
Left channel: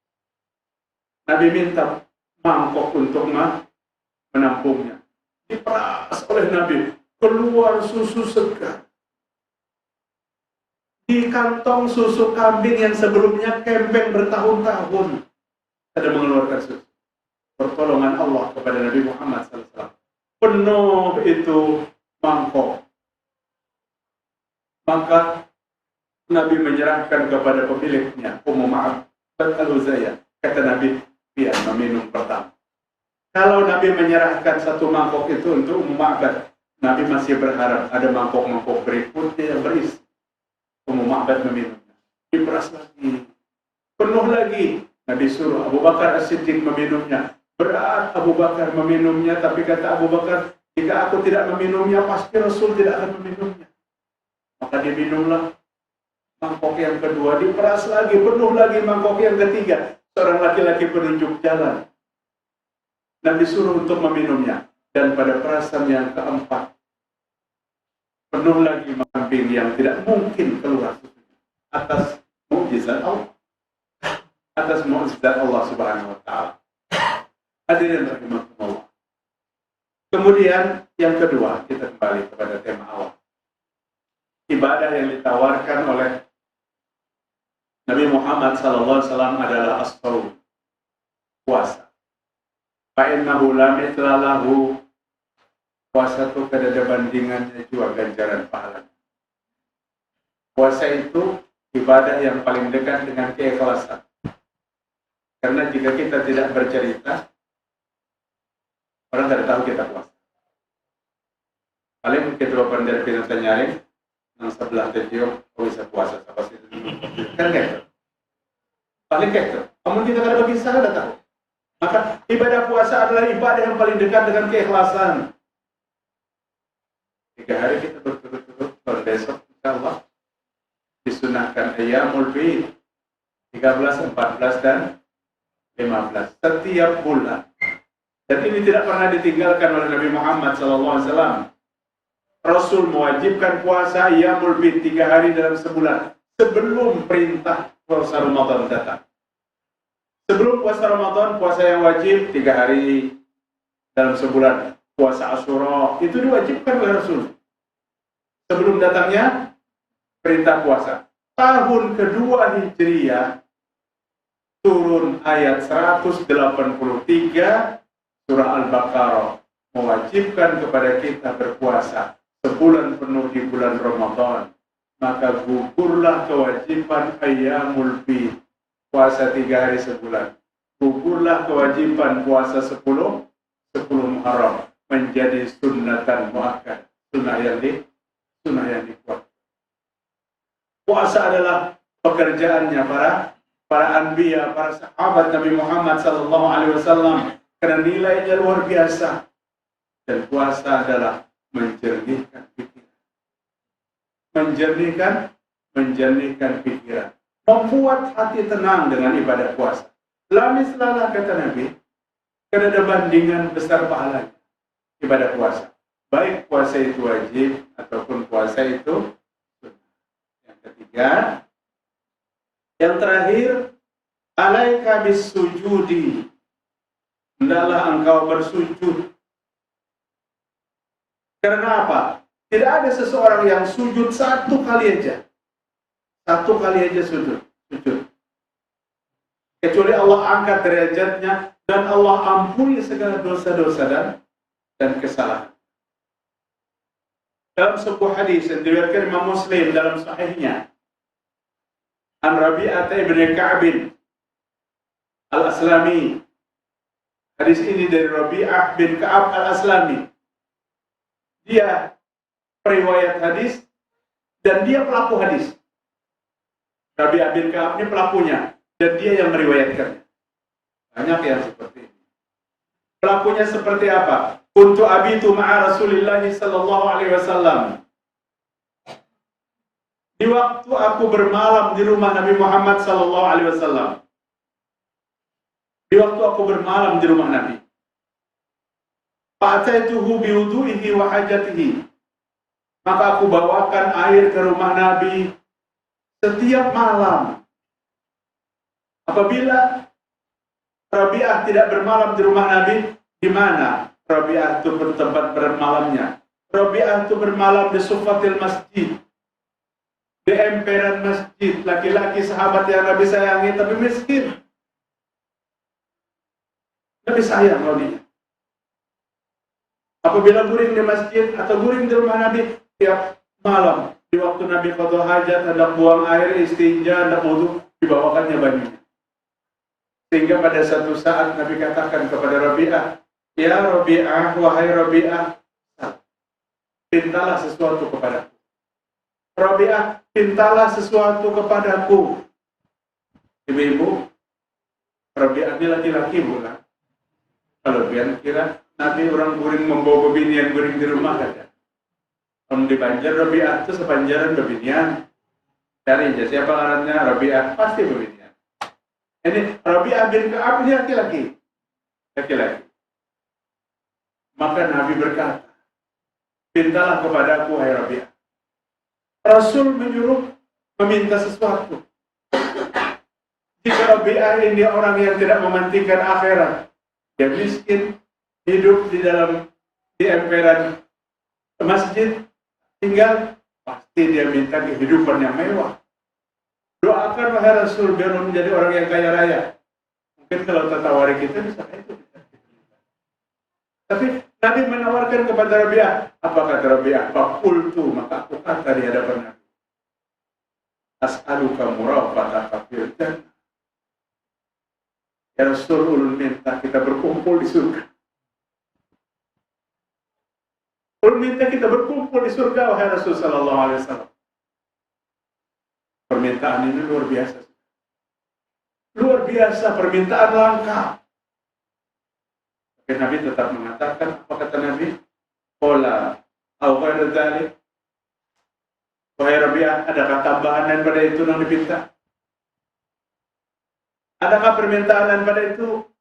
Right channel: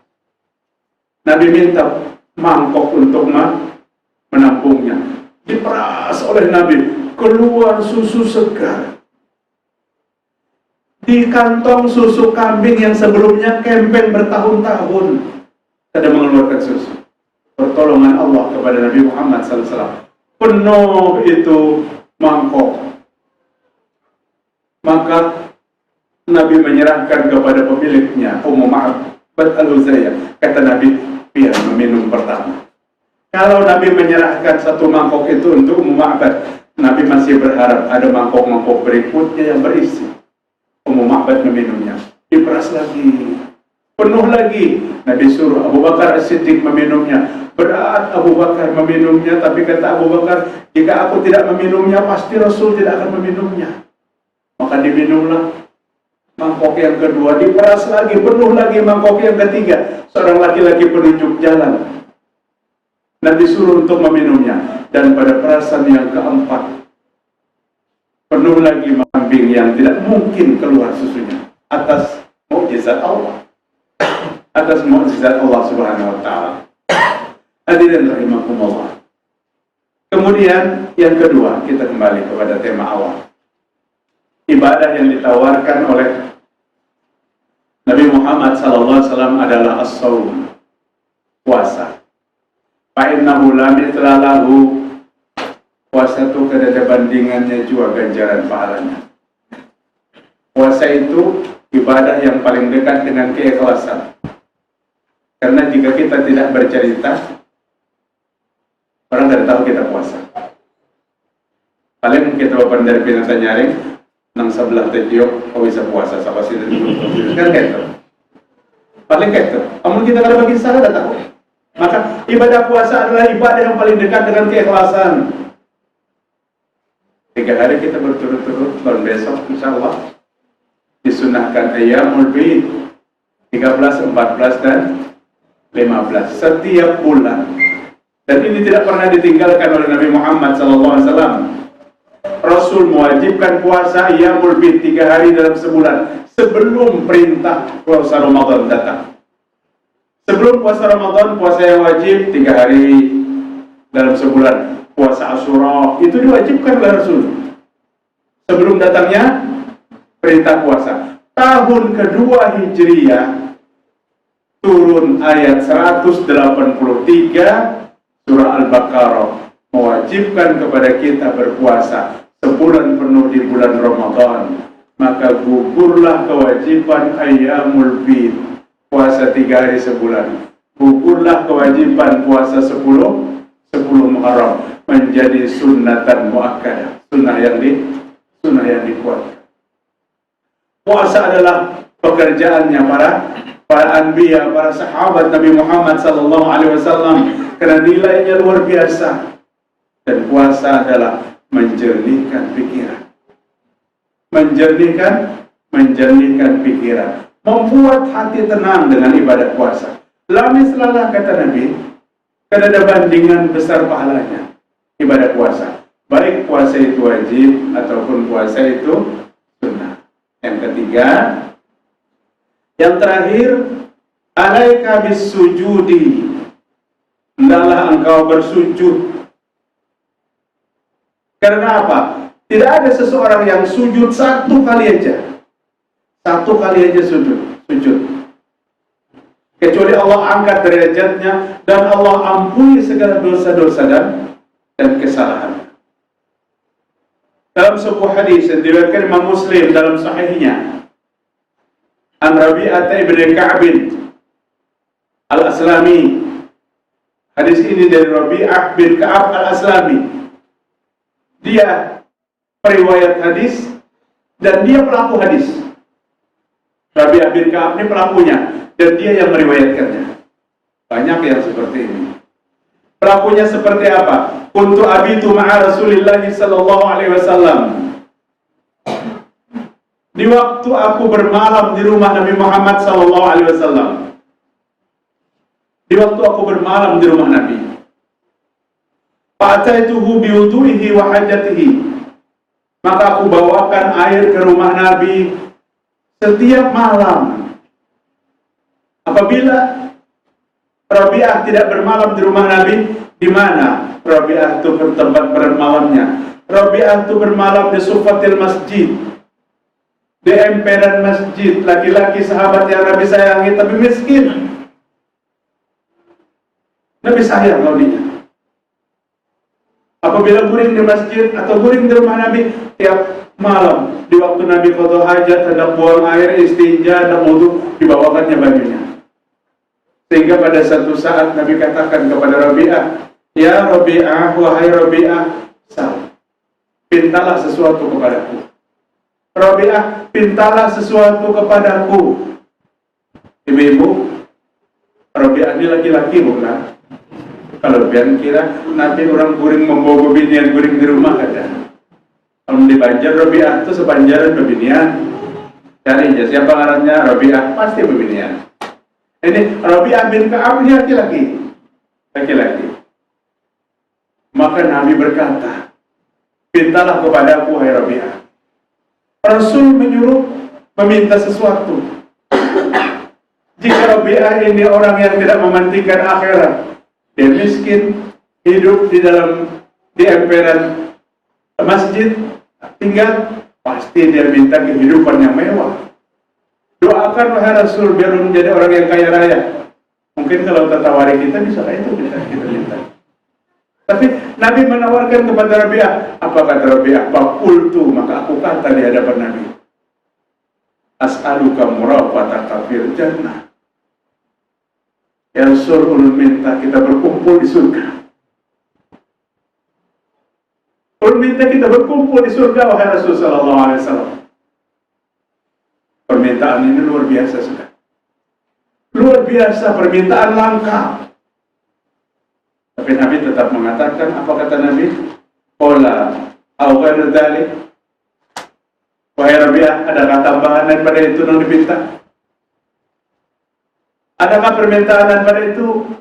Nabi minta mangkok untuk menampungnya. Diperas oleh Nabi, keluar susu segar. Di kantong susu kambing yang sebelumnya kempeng bertahun-tahun ada mengeluarkan susu. Pertolongan Allah kepada Nabi Muhammad SAW. Penuh itu mangkok. Maka Nabi menyerahkan kepada pemiliknya, Ummu Ma'bad Al-Huzaiyah. Kata Nabi, biar meminum pertama. Kalau Nabi menyerahkan satu mangkok itu untuk Ummu Ma'bad, Nabi masih berharap ada mangkok-mangkok berikutnya yang berisi. Ummu Ma'bad meminumnya, diperas lagi, penuh lagi. Nabi suruh Abu Bakar As-Siddiq meminumnya. Berat Abu Bakar meminumnya, tapi kata Abu Bakar, jika aku tidak meminumnya, pasti Rasul tidak akan meminumnya. Maka diminumlah mangkok yang kedua, diperas lagi, penuh lagi mangkok yang ketiga. Seorang laki-laki penunjuk jalan, Nabi suruh untuk meminumnya. Dan pada perasan yang keempat, penuh lagi kambing yang tidak mungkin keluar susunya. Atas mukjizat Allah, atas mukjizat Allah Subhanahu wa Ta'ala. Hadirin rahimakumullah. Kemudian yang kedua, kita kembali kepada tema awal. Ibadah yang ditawarkan oleh Nabi Muhammad Muhammad SAW adalah as-saum, puasa. Fa'innahu la mithla lahu, puasa itu kada ada bandingannya juga ganjaran pahalanya. Puasa itu ibadah yang paling dekat dengan keikhlasan. Karena jika kita tidak bercerita, orang tidak tahu kita puasa. Paling kita bapak dari pinata nyaring, nang sebelah tejok, kau bisa puasa, sama sih dari dulu. Kan gitu. Paling gitu. Namun kita kada bagi salah, tidak tahu. Maka ibadah puasa adalah ibadah yang paling dekat dengan keikhlasan. 3 hari kita berturut-turut, dan besok insya Allah disunahkan Ayyamul Bid 13, 14, dan 15 setiap bulan. Dan ini tidak pernah ditinggalkan oleh Nabi Muhammad SAW. Rasul mewajibkan puasa Ayyamul Bid 3 hari dalam sebulan sebelum perintah puasa Ramadan datang. Sebelum puasa Ramadan, puasa yang wajib 3 hari dalam sebulan. Puasa Asyura itu diwajibkan oleh Rasul sebelum datangnya perintah puasa. Tahun kedua Hijriyah turun ayat 183 surah Al-Baqarah mewajibkan kepada kita berpuasa sebulan penuh di bulan Ramadan. Maka gugurlah kewajiban Ayyamul Bid, puasa 3 hari sebulan. Gugurlah kewajiban puasa 10 Muharram menjadi sunnatan muakkadah, sunnah yang dikuatkan. Puasa adalah pekerjaannya para anbiya, para sahabat Nabi Muhammad SAW, karena nilainya luar biasa. Dan puasa adalah menjernihkan pikiran, menjernihkan pikiran, membuat hati tenang dengan ibadah puasa. La mislalah, kata Nabi, karena ada bandingan besar pahalanya ibadah puasa. Baik puasa itu wajib ataupun puasa itu sunnah. Yang ketiga, yang terakhir, alaika bisujudi, hendaklah engkau bersujud. Karena apa? Tidak ada seseorang yang sujud 1 kali aja. 1 kali aja sujud. Kecuali Allah angkat derajatnya dan Allah ampuni segala dosa-dosa dan kesalahan. Dalam sebuah hadis yang diriwayatkan Imam Muslim dalam sahihnya, An Rabi'ah ibn Ka'b Al-Aslami. Hadis ini dari Rabi'ah bin Ka'ab Al-Aslami. Dia periwayat hadis dan dia pelaku hadis. Rabi'ah bin Ka'ab ini pelakunya dan dia yang meriwayatkannya. Banyak yang seperti ini. Pelakunya seperti apa? Kuntu abitu ma'a Rasulillah sallallahu alaihi wasallam. Di waktu aku bermalam di rumah Nabi Muhammad sallallahu alaihi wasallam. Di waktu aku bermalam di rumah Nabi. Fa'ataituhu biwudu'ihi wa hajatihi. Maka aku bawakan air ke rumah Nabi setiap malam. Apabila Rabi'ah tidak bermalam di rumah Nabi, di mana Rabi'ah itu bertempat bermalamnya? Rabi'ah itu bermalam di sufatil masjid, di emperan masjid. Laki-laki sahabat yang Nabi sayangi tapi miskin. Nabi sayang laudinya. Apabila guring di masjid atau guring di rumah Nabi, tiap malam di waktu Nabi qada hajat, hendak buang air, istinja, hendak wudu, dibawakannya bajunya. Sehingga pada satu saat Nabi katakan kepada Rabi'ah, "Ya Rabi'ah, wahai Rabi'ah, pintalah sesuatu kepadaku." Rabi'ah, pintalah sesuatu kepadaku. Ibu-ibu, Rabi'ah ini laki-laki bukan? Kalau pian kira Nabi orang guring membawa bebinian guring di rumah ada. Kalau di Banjar Rabi'ah itu sepanjaran bebinian. Cari aja siapa ngarannya Rabi'ah, pasti bebinian. Ini Rabi'ah bin Ka'ab ini laki-laki. Maka Nabi berkata, pintalah kepadaku wahai Rabi'ah. Rasul menyuruh meminta sesuatu. Jika Rabi'ah ini orang yang tidak mementingkan akhirat, dia miskin, hidup di emperan masjid, tinggal, pasti dia minta kehidupan yang mewah. Doakan wahai Rasul biar menjadi orang yang kaya raya. Mungkin kalau tertawari kita bisa kayak itu kita minta. Tapi Nabi menawarkan kepada Rabi'ah. Apa kata Rabi'ah? Faqultu, maka aku kata di hadapan Nabi, as'aluka murafataka fil jannah. Ya Rasul, ulun minta kita berkumpul di surga. Ulun minta kita berkumpul di surga wahai Rasul sallallahu alaihi wasallam. Permintaan ini luar biasa sudah. Luar biasa, permintaan langka. Tapi Nabi tetap mengatakan, apa kata Nabi? Qala au ghairu dzalik. Wahai Rabi'ah, adakah tambahan daripada itu yang dipinta? Adakah permintaan daripada itu?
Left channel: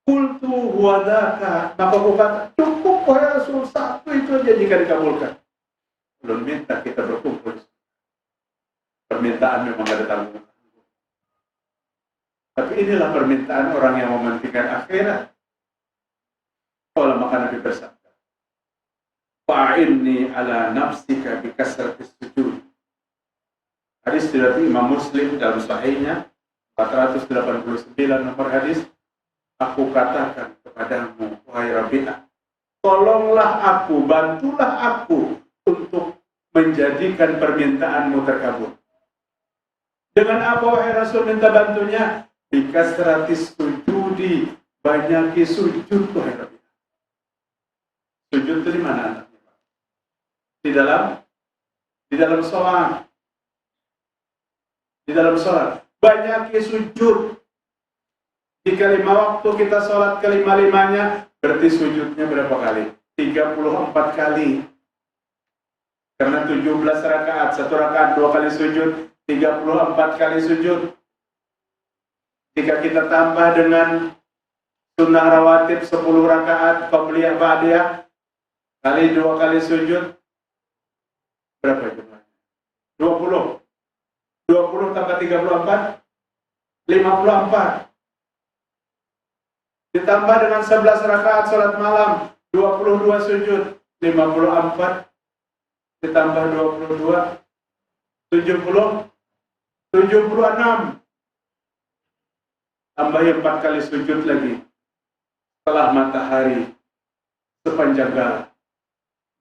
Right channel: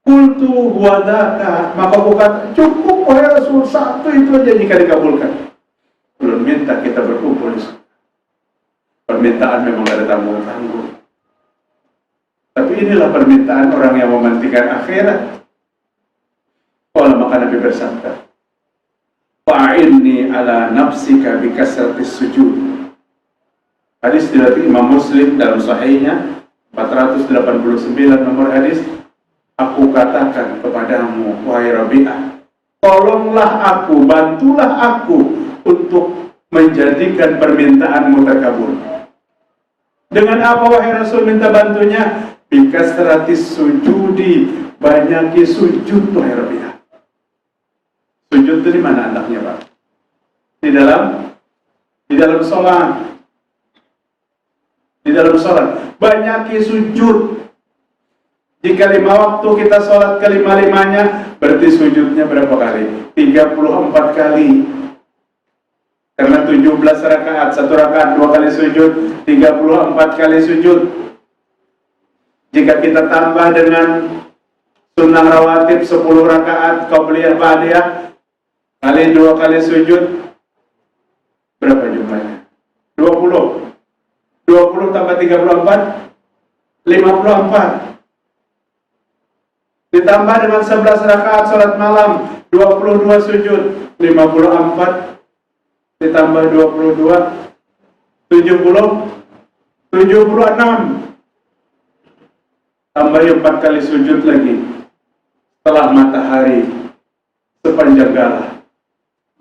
Qultu huwa dzaka, maka aku kata, cukup wahai Rasul, satu itu aja jika dikabulkan. Belum minta kita berkumpul di sana. Permintaan memang ada tanggung-tanggung. Tapi inilah permintaan orang yang mementingkan akhirat. Qala, maka Nabi bersabda, fa'inni ala nafsika bikasratis sujud. Hadis diriwayatkan Imam Muslim dalam sahihnya 489 nomor hadis. Aku katakan kepadamu wahai Rabi'ah, tolonglah aku, bantulah aku untuk menjadikan permintaanmu terkabul. Dengan apa wahai Rasul minta bantunya? Bikasratis sujudi, banyaki sujud wahai Rabi'ah. Sujud itu di mana anaknya, Pak? Di dalam sholat. Di dalam sholat. Banyaki sujud. Jika 5 waktu kita sholat kelima-limanya, berarti sujudnya berapa kali? 34 kali. Karena 17 rakaat, 1 rakaat 2 kali sujud, 34 kali sujud. Jika kita tambah dengan sunnah rawatib 10 rakaat, qabliyah ba'diyah, kali 2 kali sujud, berapa jumlahnya? 20. 20 tambah 34, 54. Ditambah dengan 11 rakaat sholat malam, 22 sujud, 54. Ditambah 22, 70, 76. Tambah 4 kali sujud lagi. Setelah matahari sepanjang galah.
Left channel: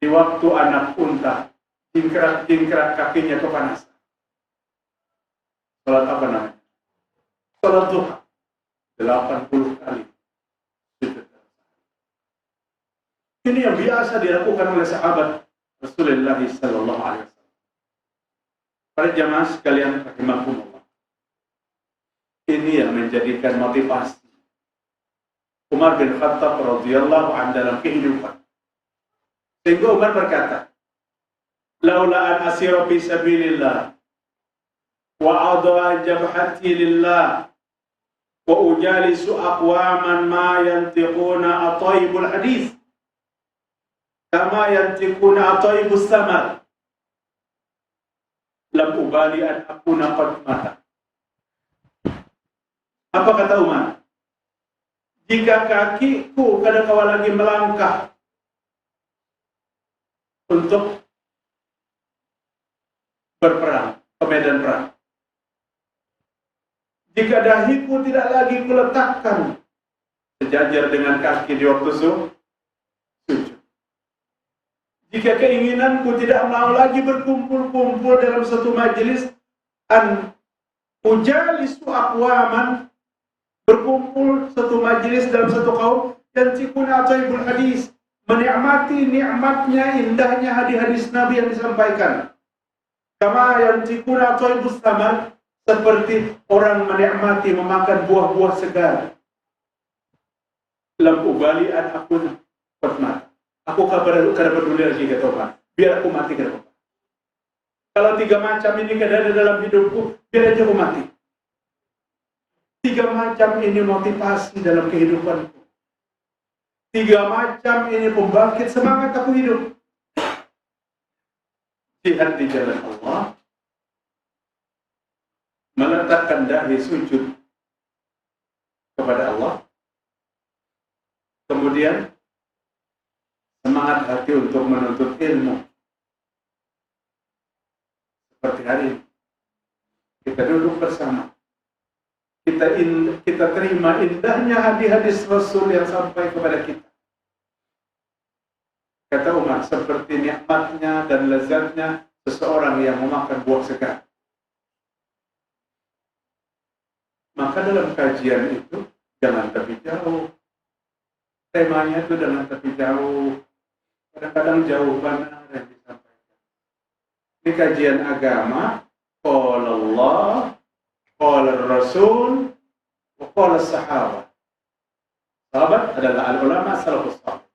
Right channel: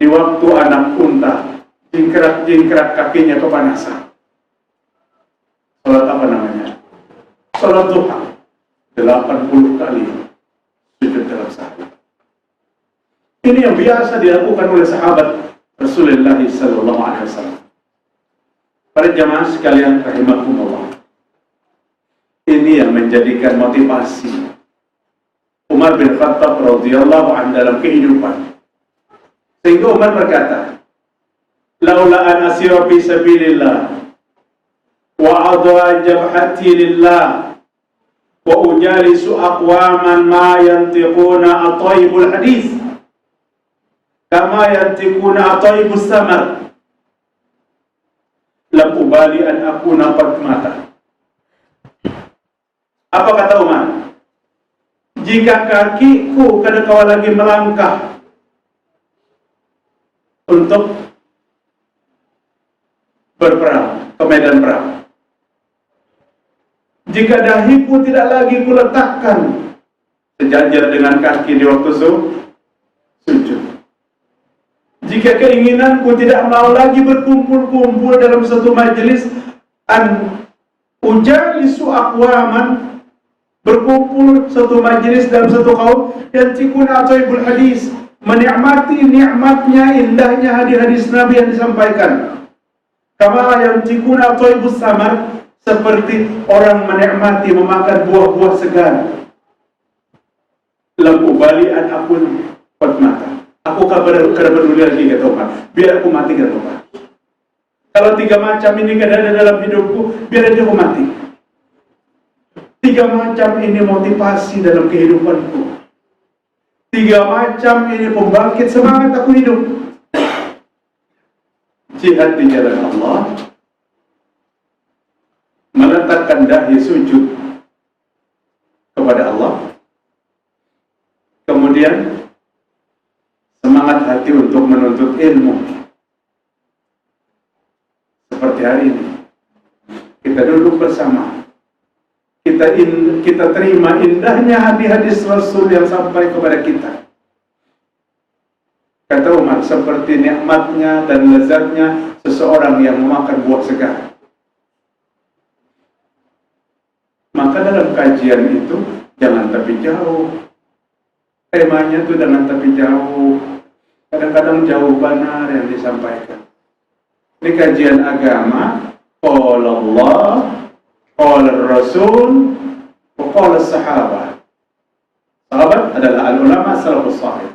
Di waktu anak unta jingkrak-jingkrak kakinya kepanasan. Salat apa namanya? Salat duha. 80 kali sujud dalam sehari. Ini yang biasa dilakukan oleh sahabat Rasulullah sallallahu alaihi wasallam. Para jamaah sekalian rahimakumullah. Ini yang menjadikan motivasi Umar bin Khattab radhiyallahu anhu dalam kehidupan. Sehingga Umar berkata, "Laula an asira fi sabilillah wa adha jabhati lillah wa ujalisu aqwaman ma yantiquna ataibul hadis kama yantiquna ataibus samar lam ubali an akuna qad mata." Apa kata Umar? Jika kakiku kada kawal lagi melangkah untuk berperang ke medan perang, jika dahiku tidak lagi kuletakkan sejajar dengan kaki di waktu sujud, jika keinginanku tidak mau lagi berkumpul-kumpul dalam satu majelis, an ujalisu aqwaman, berkumpul satu majelis dalam satu kaum, yang cikuna ataibul hadis, menikmati nikmatnya, indahnya hadis-hadis Nabi yang disampaikan, kama yang cikuna ataibus samar, seperti orang menikmati memakan buah-buah segar. Lam ubali an akun qad mata, aku kada peduli lagi kata Umar, biar aku mati kada apa-apa. Kalau 3 macam ini kada ada dalam hidupku, biar aja aku mati. 3 macam ini motivasi dalam kehidupanku. 3 macam ini pembangkit semangat aku hidup. Jihad di jalan Allah, meletakkan dahi sujud kepada Allah, kemudian semangat hati untuk menuntut ilmu seperti hari ini. kita duduk bersama. Kita terima indahnya hadis-hadis Rasul yang sampai kepada kita. Kata Umar, seperti nikmatnya dan lezatnya seseorang yang memakan buah segar. Maka dalam kajian itu jangan tepi jauh. Temanya itu jangan tepi jauh. Kadang-kadang jauh benar yang disampaikan. Ini kajian agama. Qala Allah, qala Rasul, wa qala sahabat. Sahabat adalah al-ulama salafus salih.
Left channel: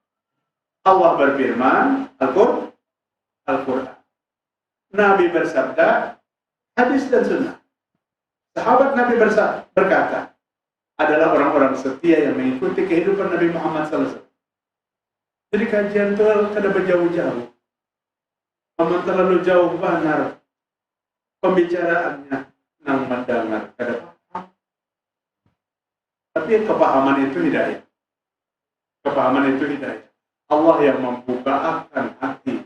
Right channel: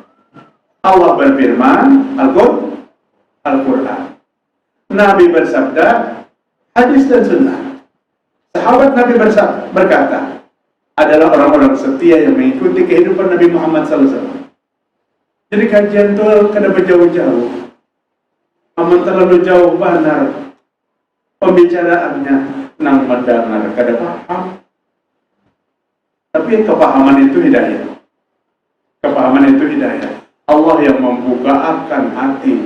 Allah berfirman, Al-Quran. Nabi bersabda, hadis dan sunnah. Sahabat Nabi berkata, adalah orang-orang setia yang mengikuti kehidupan Nabi Muhammad SAW. Jadi kajian itu kada berjauh-jauh. Aman terlalu jauh benar pembicaraannya, nang mendengar kada paham. Tapi kepahaman itu hidayah. Kepahaman itu hidayah. Allah yang membuka akan hati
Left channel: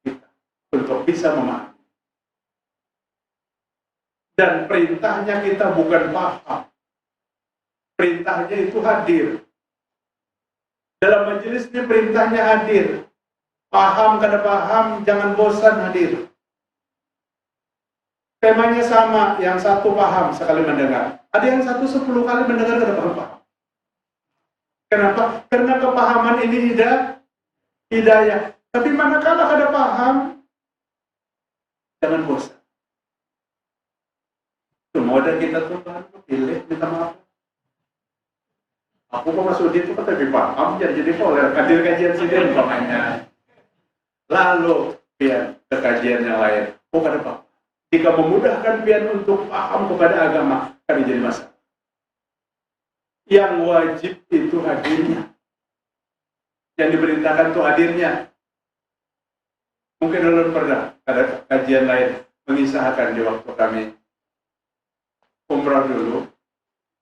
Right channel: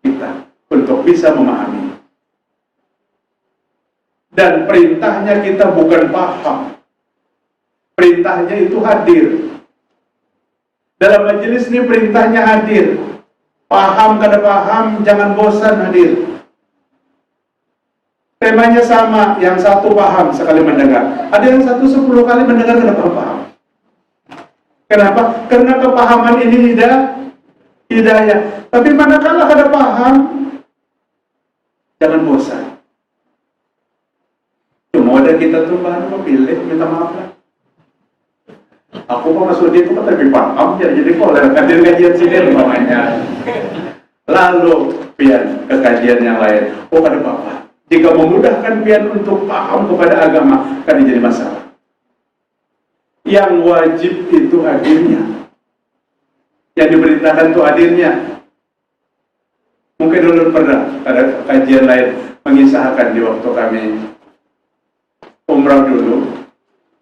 kita untuk bisa memahami. Dan perintahnya kita bukan paham. Perintahnya itu hadir. Dalam majelis ini perintahnya hadir. Paham kada paham, jangan bosan hadir. Temanya sama, yang satu paham sekali mendengar. Ada yang satu 10 kali mendengar kada paham. Kenapa? Karena kepahaman ini hidayah. Tapi manakala kada paham, jangan bosan. Cuma ada kita tuh bahan memilih, minta maaf lah. Aku kok masuk dia itu kan lebih paham, jadi boleh kajian sini umpamanya. Lalu pian ke kajian yang lain. Oh kada apa-apa. Jika memudahkan pian untuk paham kepada agama, kan jadi masalah. Yang wajib itu hadirnya. Yang diberitakan itu hadirnya. Mungkin dulu pernah ada kajian lain mengisahkan di waktu kami umrah dulu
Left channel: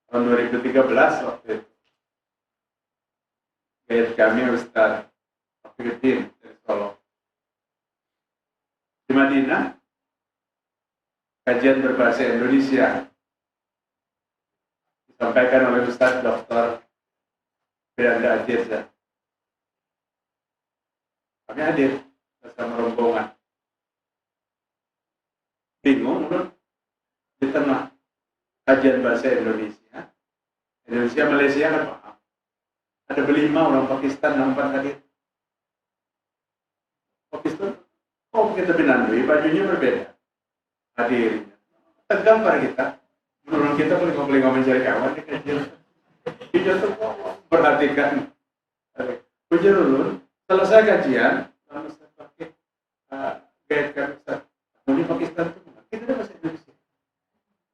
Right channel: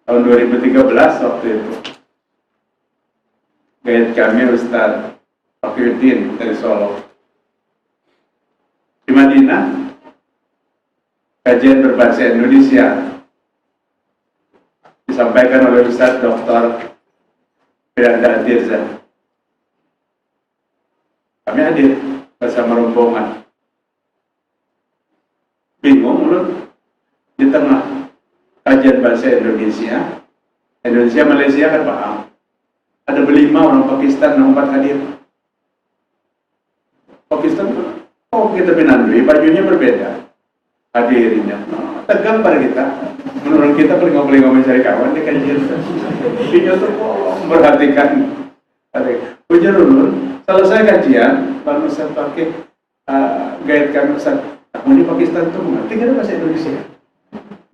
tahun 2013 waktu itu. Guide kami Ustaz Fakhruddin dari Solo. Di Madinah kajian berbahasa Indonesia disampaikan oleh Ustaz Dr. Firanda Tirza. Kami hadir bersama rombongan. Bingung ulun di tengah kajian bahasa Indonesia Malaysia kan paham. Ada berlima orang Pakistan yang 4 hadir. Pakistan, kita pinandui, bajunya berbeda. Hadirinya, tegang pada kita. Menurut kita paling mencari kawan di kajian. Dia tuh memperhatikan. Ujar ulun, selesai kajian, lalu saya pakai guide kami Ustaz. Aku di Pakistan tuh mengerti kan bahasa Indonesia.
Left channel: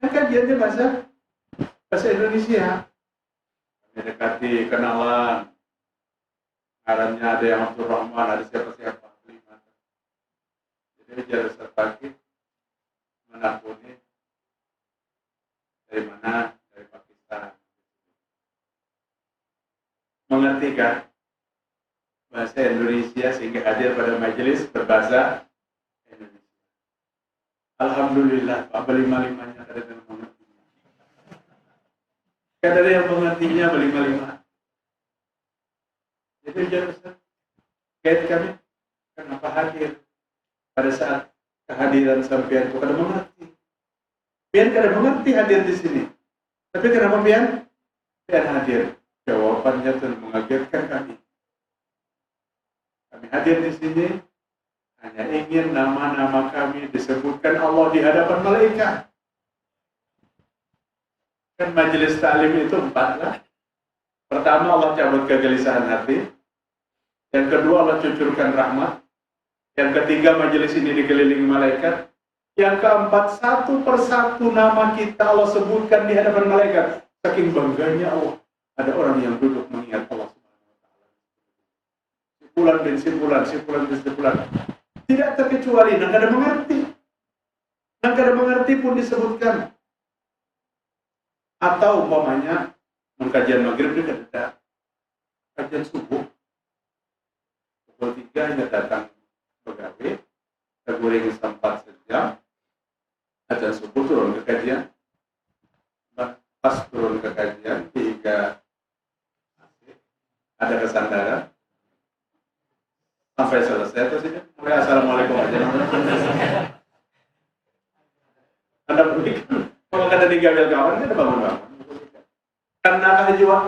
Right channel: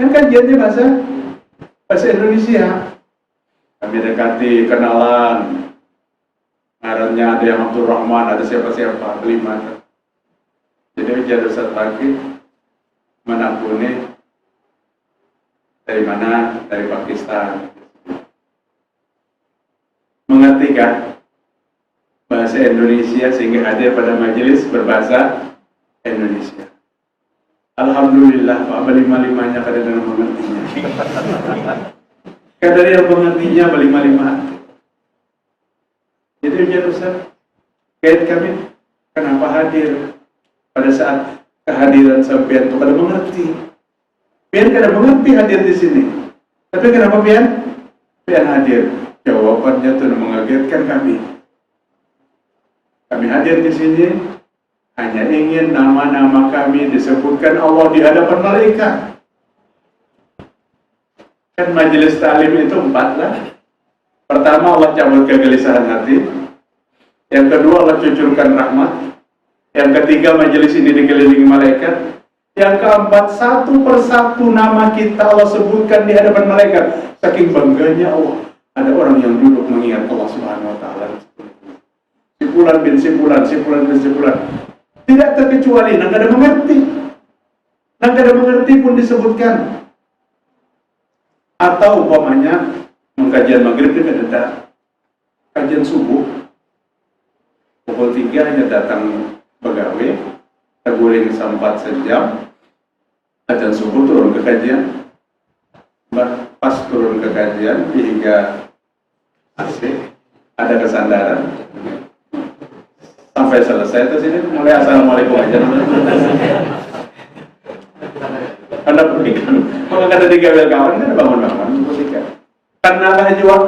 Kan kajiannya bahasa Indonesia. Kami dekati, kenalan. Ngarannya ada yang Abdul Rahman, ada siapa-siapa, 5. Jadi ujar Ustaz Fakih, mana aku nih? Dari mana? Dari Pakistan. Mengertikah bahasa Indonesia sehingga hadir pada majelis berbahasa Indonesia? Alhamdulillah, Pak, 5-5-nya kadang-kadang mengertinya. Kadang yang mengertinya 5-5. Jadi ujar Ustaz, guide kami, kenapa hadir pada saat kehadiran sampean itu kada mengerti. Pian kada mengerti hadir di sini. Tapi kenapa pian hadir? Jawabannya itu mengagetkan kami. Kami hadir di sini hanya ingin nama-nama kami disebutkan Allah di hadapan malaikat. Kan majelis ta'lim itu 4 lah. Pertama, Allah cabut kegelisahan hati. Yang kedua, Allah cucurkan rahmat. Yang ketiga, majelis ini dikelilingi malaikat. Yang keempat, satu persatu nama kita Allah sebutkan di hadapan malaikat. Saking bangganya Allah, ada orang yang duduk mengingat Allah Subhanahu wa Ta'ala. Sipulan bin sipulan, sipulan bin sipulan. Tidak terkecuali, nang kada mengerti. Nang kada mengerti pun disebutkan. Atau umpamanya mengkajian maghrib dia kada kajian subuh. Pukul 3 hanya datang pegawai, teguring sempat sejam, Adzan subuh turun ke kajian, pas turun ke kajian hingga asik, ada kesandaran sampai selesai. Terus ini mulai assalamualaikum aja. Anda berikan, maka kata tiga kawan kan bangun-bangun berikan. Karena najwa,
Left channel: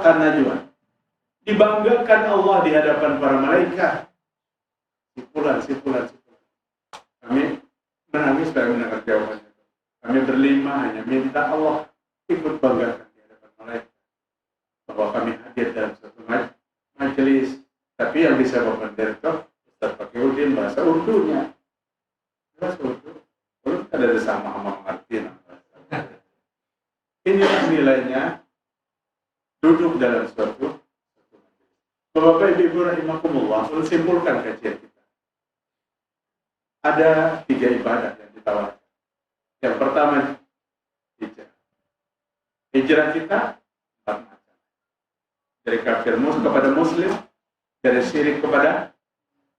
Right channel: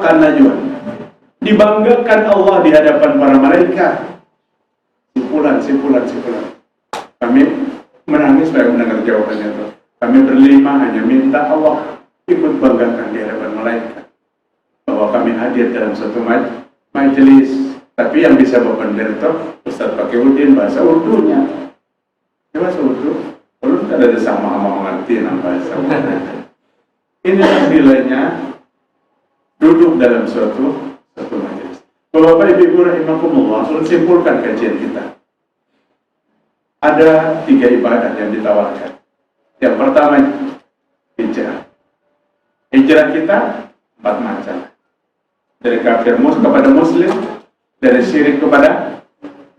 dibanggakan Allah di hadapan para malaikat. Simpulan. Kami menangis supaya mendengar jawabannya itu. Kami berlima hanya minta Allah ikut banggakan di hadapan malaikat bahwa kami hadir dalam satu majelis. Tapi yang bisa berbender itu Ustaz Pakiuddin bahasa Urdunya. Bahasa Urdu, belum ada sama mengerti bahasa Urdu. Inilah nilainya duduk dalam suatu majelis. Bapak Ibu rahimakumullah, sudah simpulkan kajian kita. Ada 3 ibadah yang ditawarkan. Yang pertama, hijrah. Hijrah kita 4 macam. Dari kafir kepada muslim, dari syirik kepada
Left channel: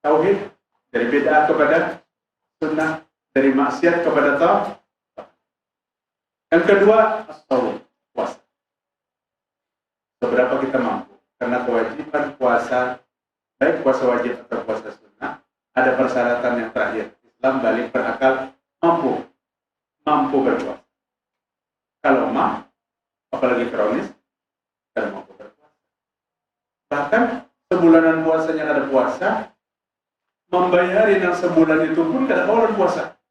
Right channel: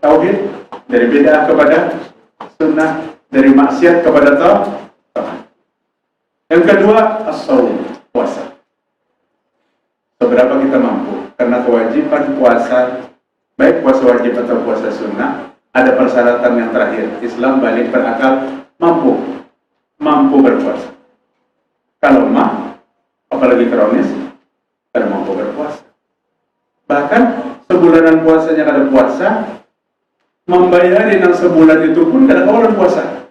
tauhid, dari bid'ah kepada sunnah, dari maksiat kepada taat. Yang kedua, as-shaum, puasa. Seberapa kita mampu? Karena kewajiban puasa, baik puasa wajib atau puasa sunnah, ada persyaratan yang terakhir. Islam balik berakal mampu berpuasa. Kalau apalagi kronis, tidak mampu berpuasa. Bahkan sebulanan puasanya kada puasa, membayarin yang sebulan itu pun kada kawalan puasa.